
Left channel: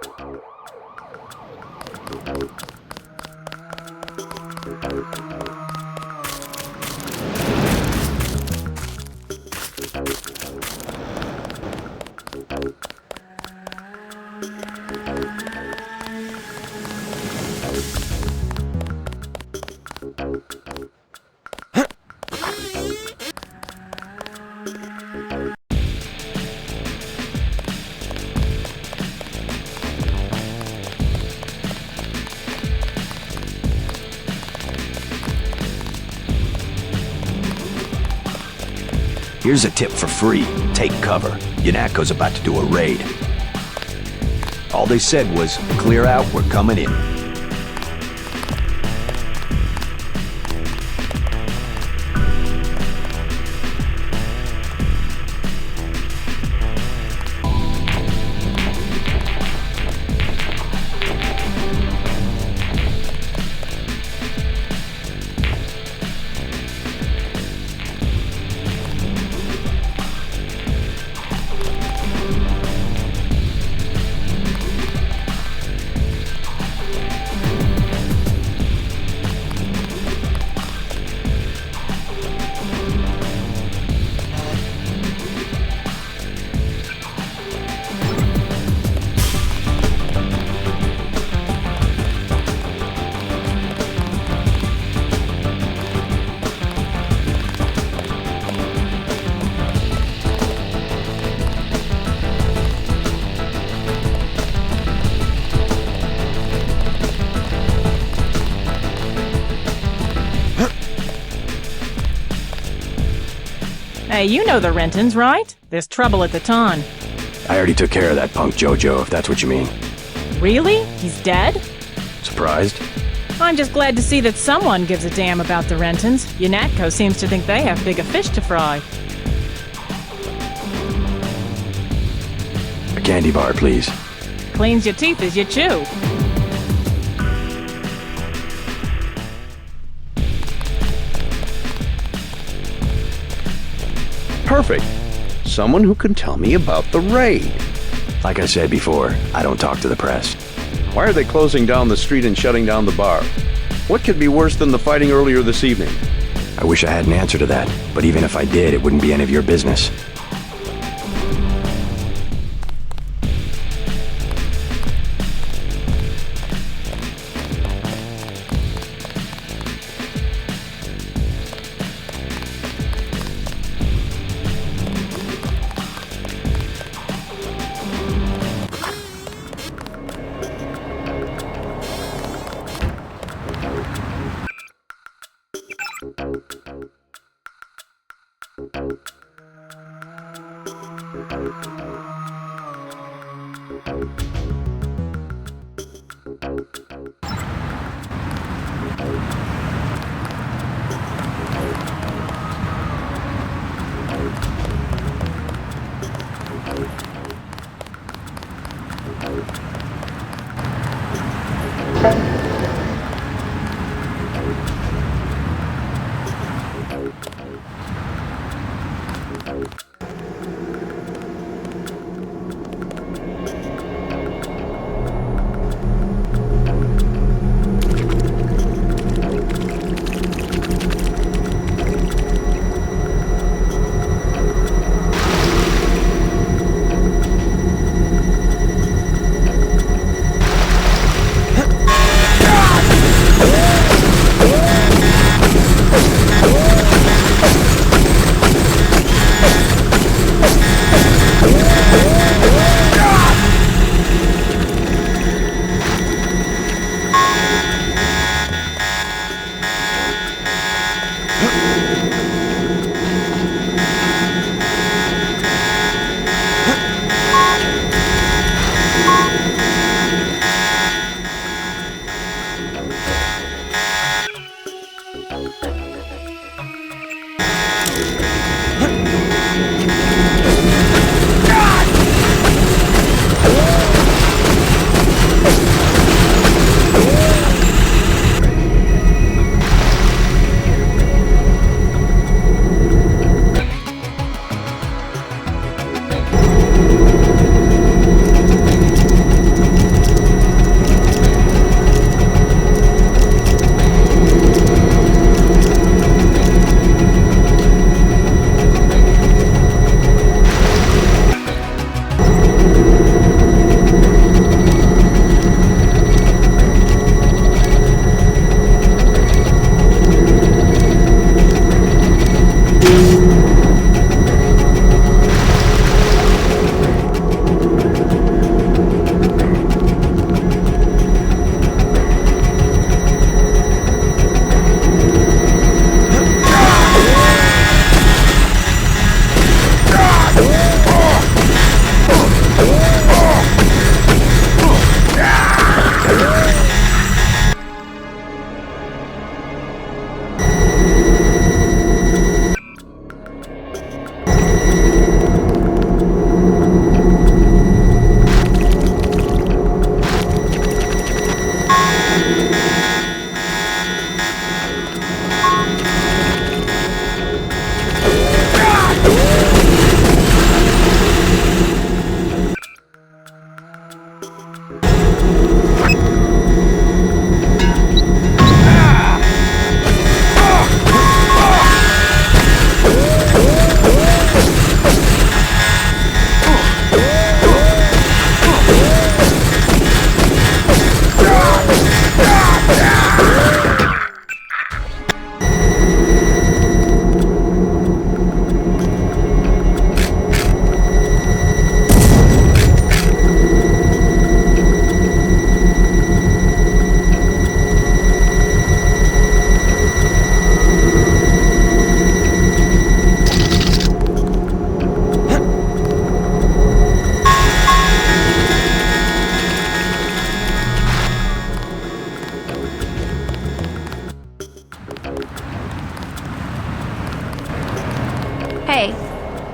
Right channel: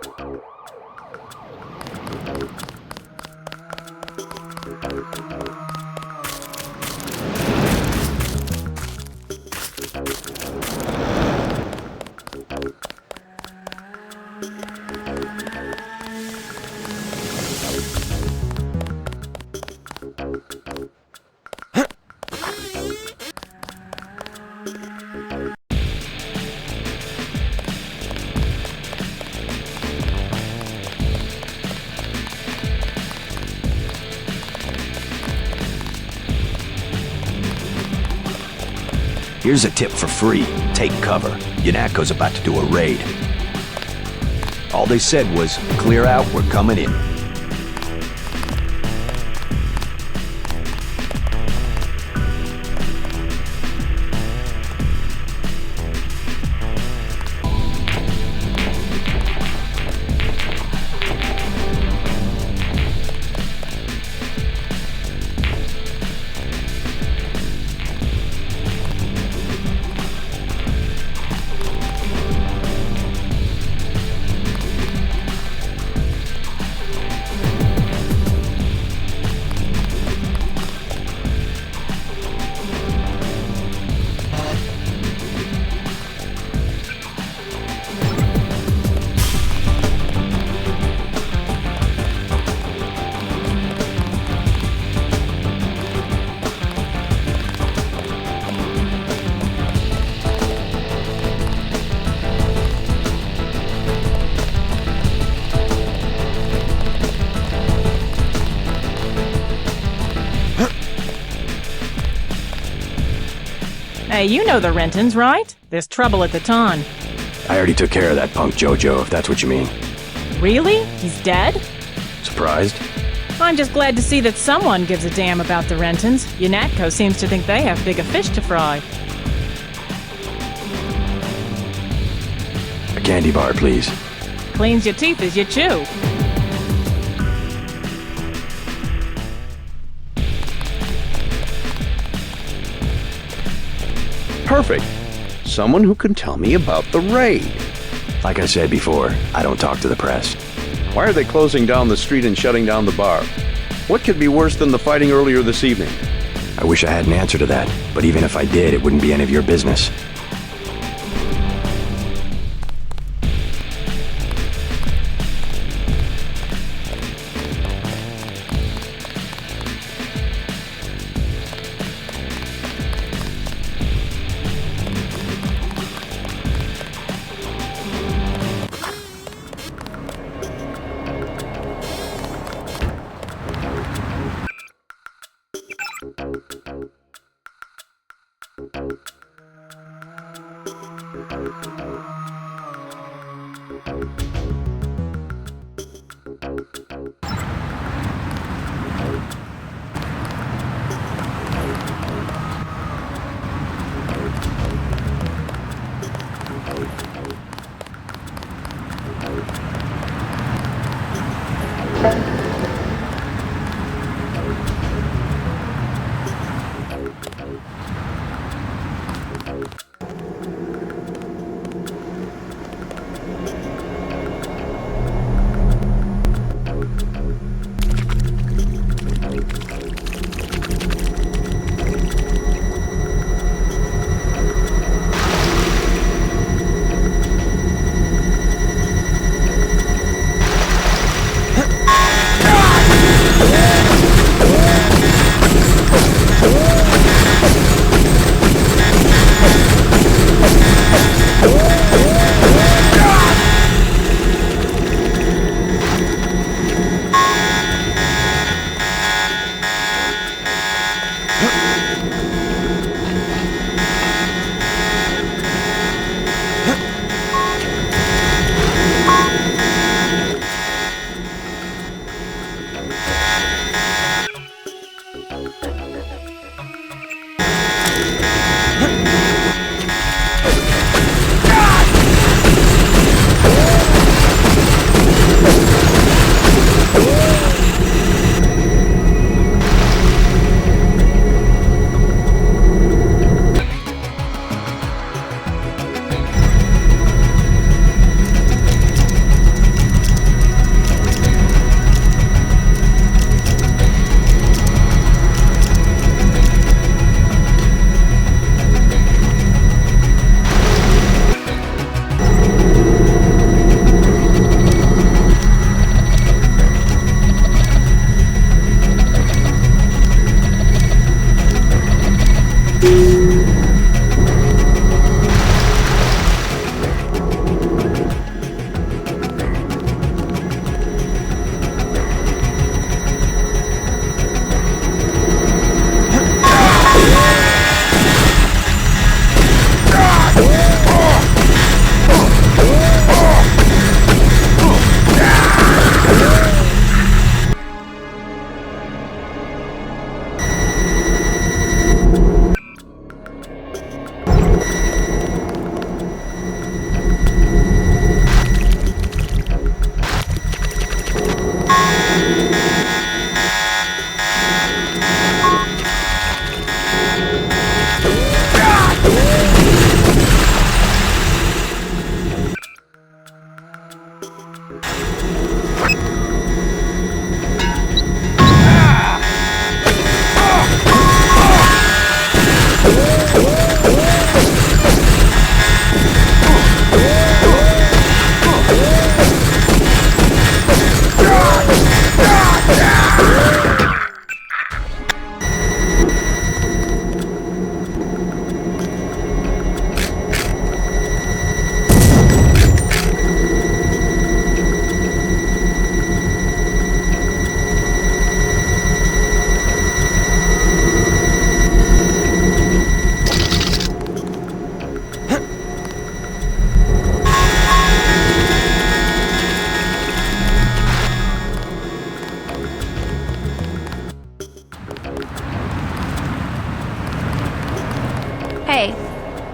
Here's a tip for free. Take cover. UNATCO's about to do a raid. All they said was, clear out, we're coming in. Hey, you know the Rentons, right? There's trouble at the Ton. I already took care of that punk JoJo, if that's what you mean. Really? He's dead? Surprised? I'm just glad to see that someone gives a damn about the Rentons. UNATCO seems to think they have bigger fish to fry. A candy bar, please. Cleans your teeth as you chew. Perfect. Someone who can tell me about the raid. Like I said before, I don't talk to the press. Why are they closing down the street and shutting down the bar? What could be worse than the fighting earlier this evening? I wish I had an answer to that, but even if I did, it wouldn't be any of your business.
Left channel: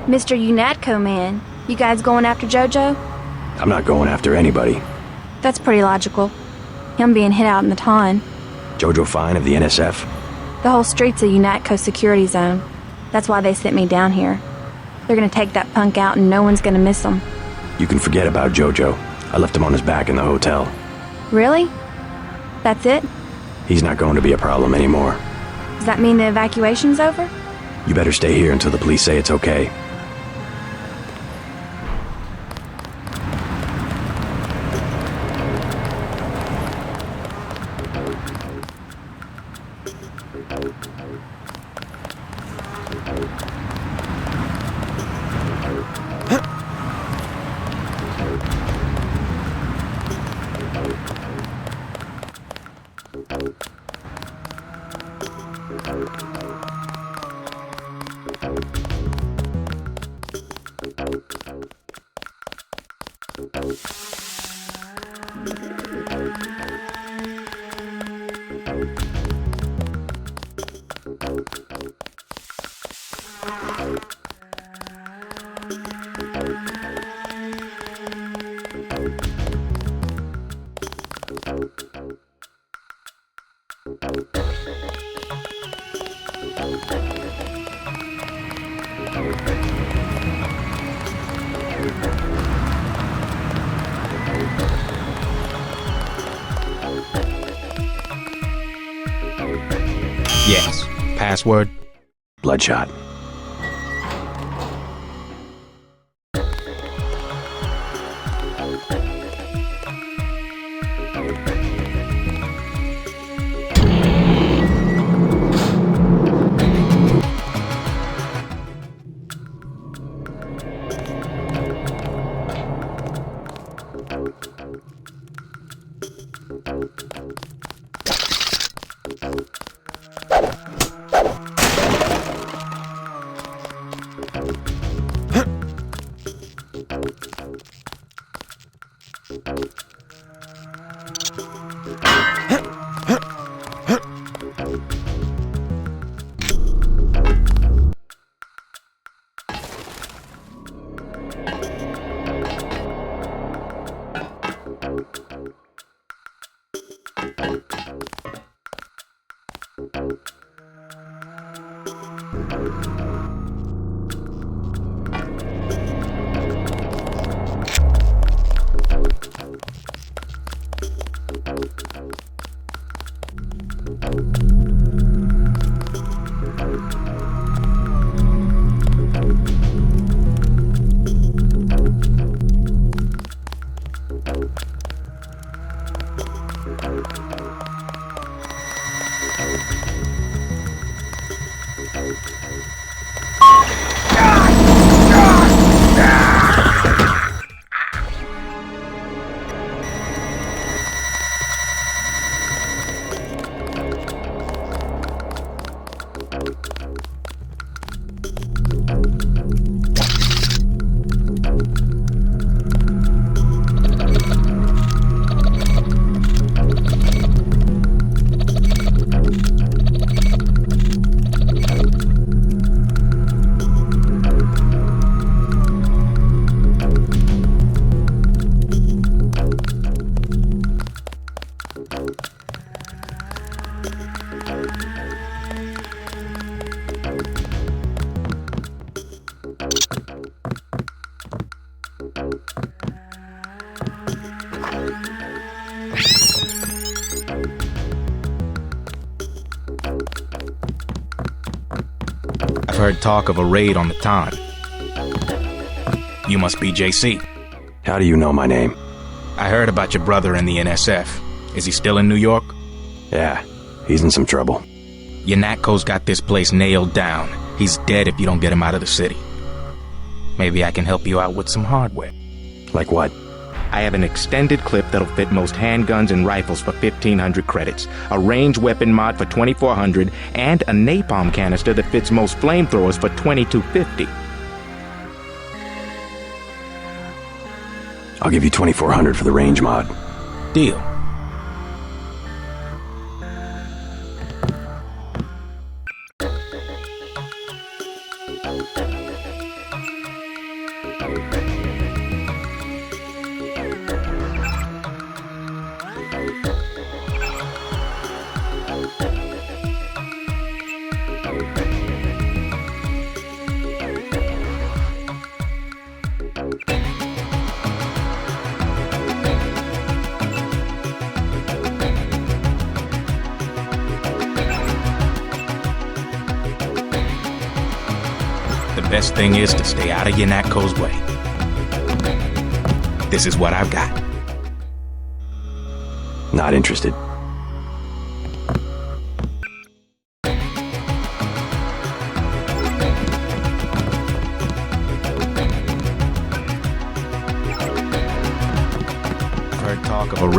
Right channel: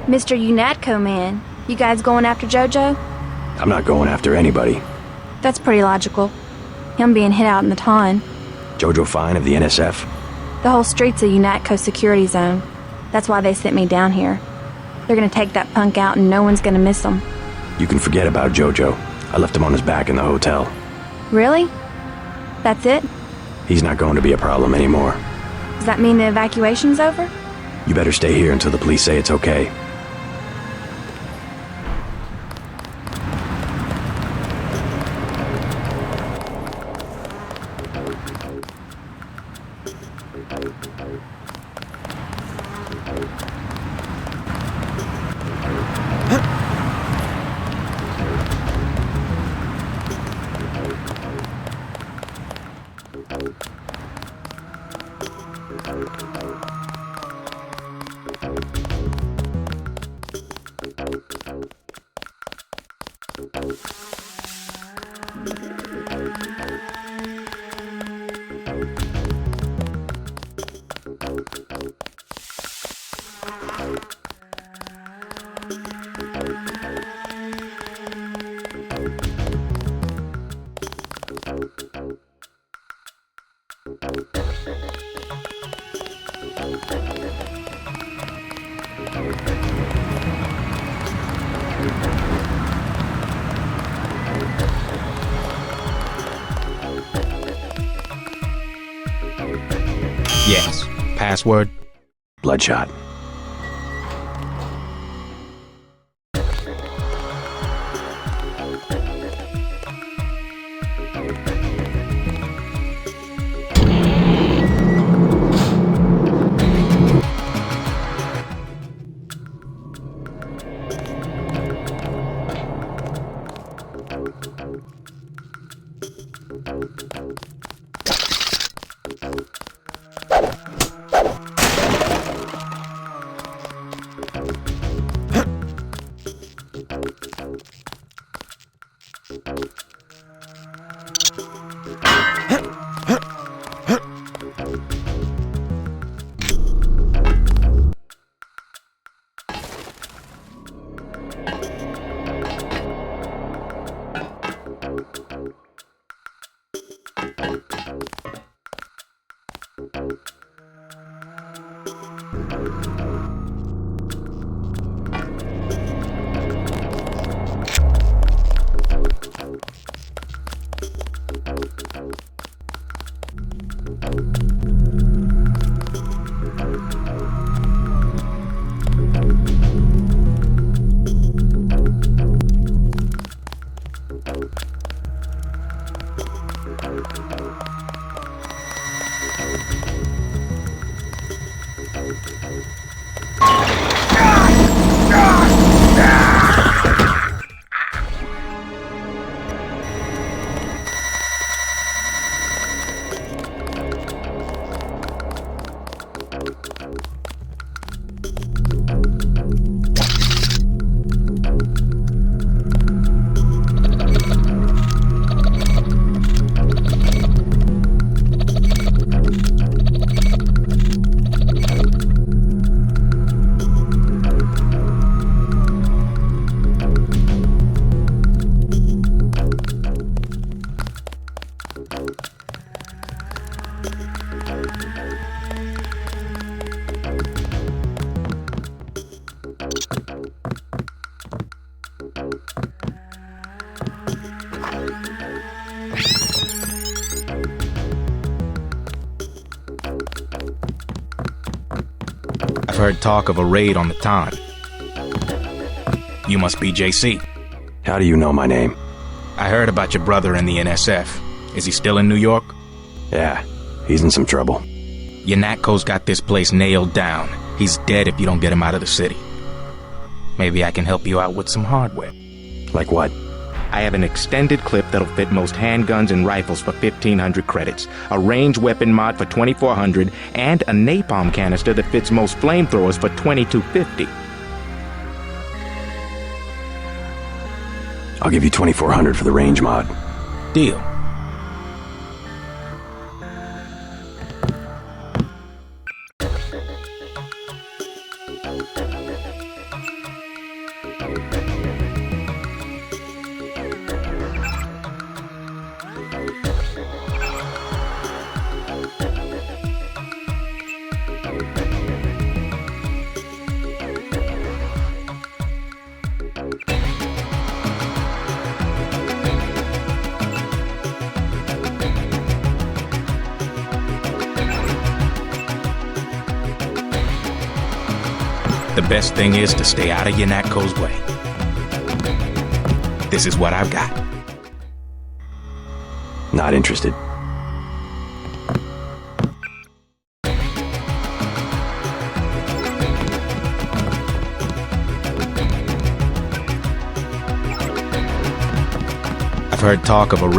Mr. UNATCO man, you guys going after JoJo? I'm not going after anybody. That's pretty logical. Him being hit out in the ton. JoJo Fine of the NSF? The whole street's a UNATCO security zone. That's why they sent me down here. They're gonna take that punk out and no one's gonna miss him. You can forget about JoJo. I left him on his back in the hotel. Really? That's it? He's not going to be a problem anymore. Does that mean the evacuation's over? You better stay here until the police say it's okay. Yes. Password? Bloodshot. I've heard talk of a raid on the Ton. You must be JC. How do you know my name? I heard about your brother in the NSF. Is he still in New York? Yeah, he's in some trouble. UNATCO's got this place nailed down. He's dead if you don't get him out of the city. Maybe I can help you out with some hardware. Like what? I have an extended clip that'll fit most handguns and rifles for 1,500 credits, a ranged weapon mod for 2,400, and a napalm canister that fits most flamethrowers for 2,250. I'll give you 2,400 for the range mod. Deal. Stay out of Yanatko's way. This is what I've got. Not interested. I've heard talk of...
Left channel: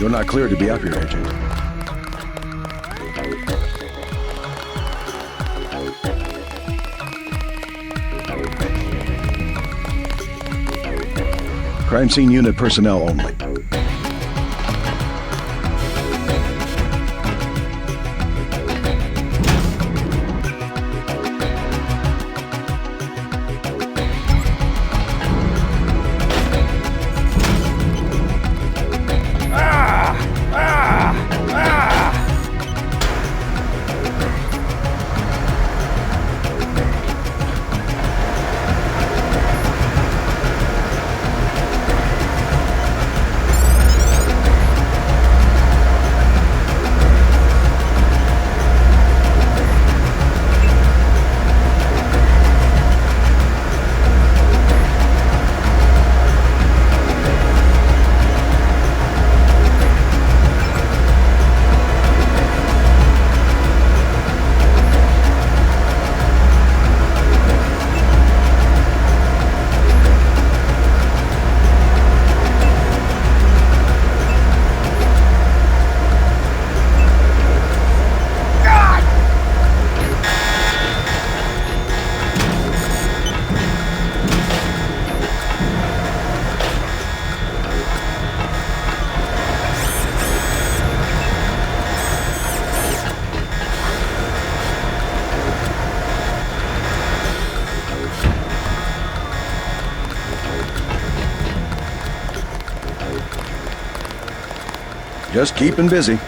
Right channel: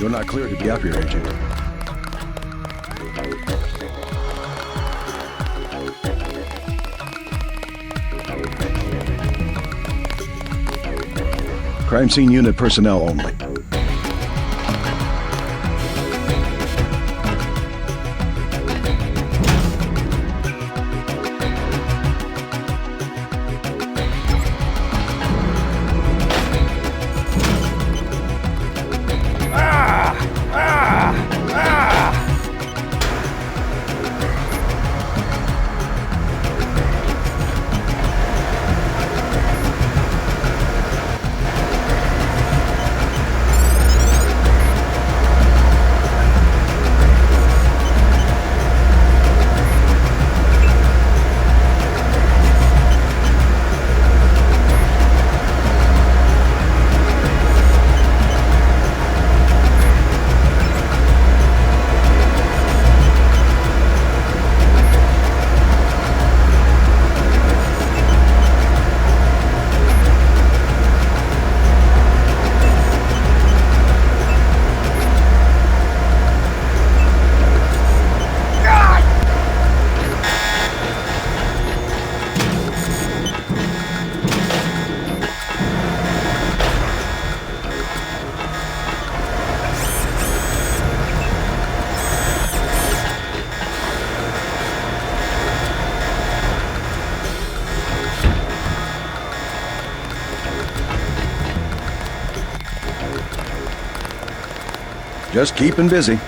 You're not cleared to be... Just keeping busy.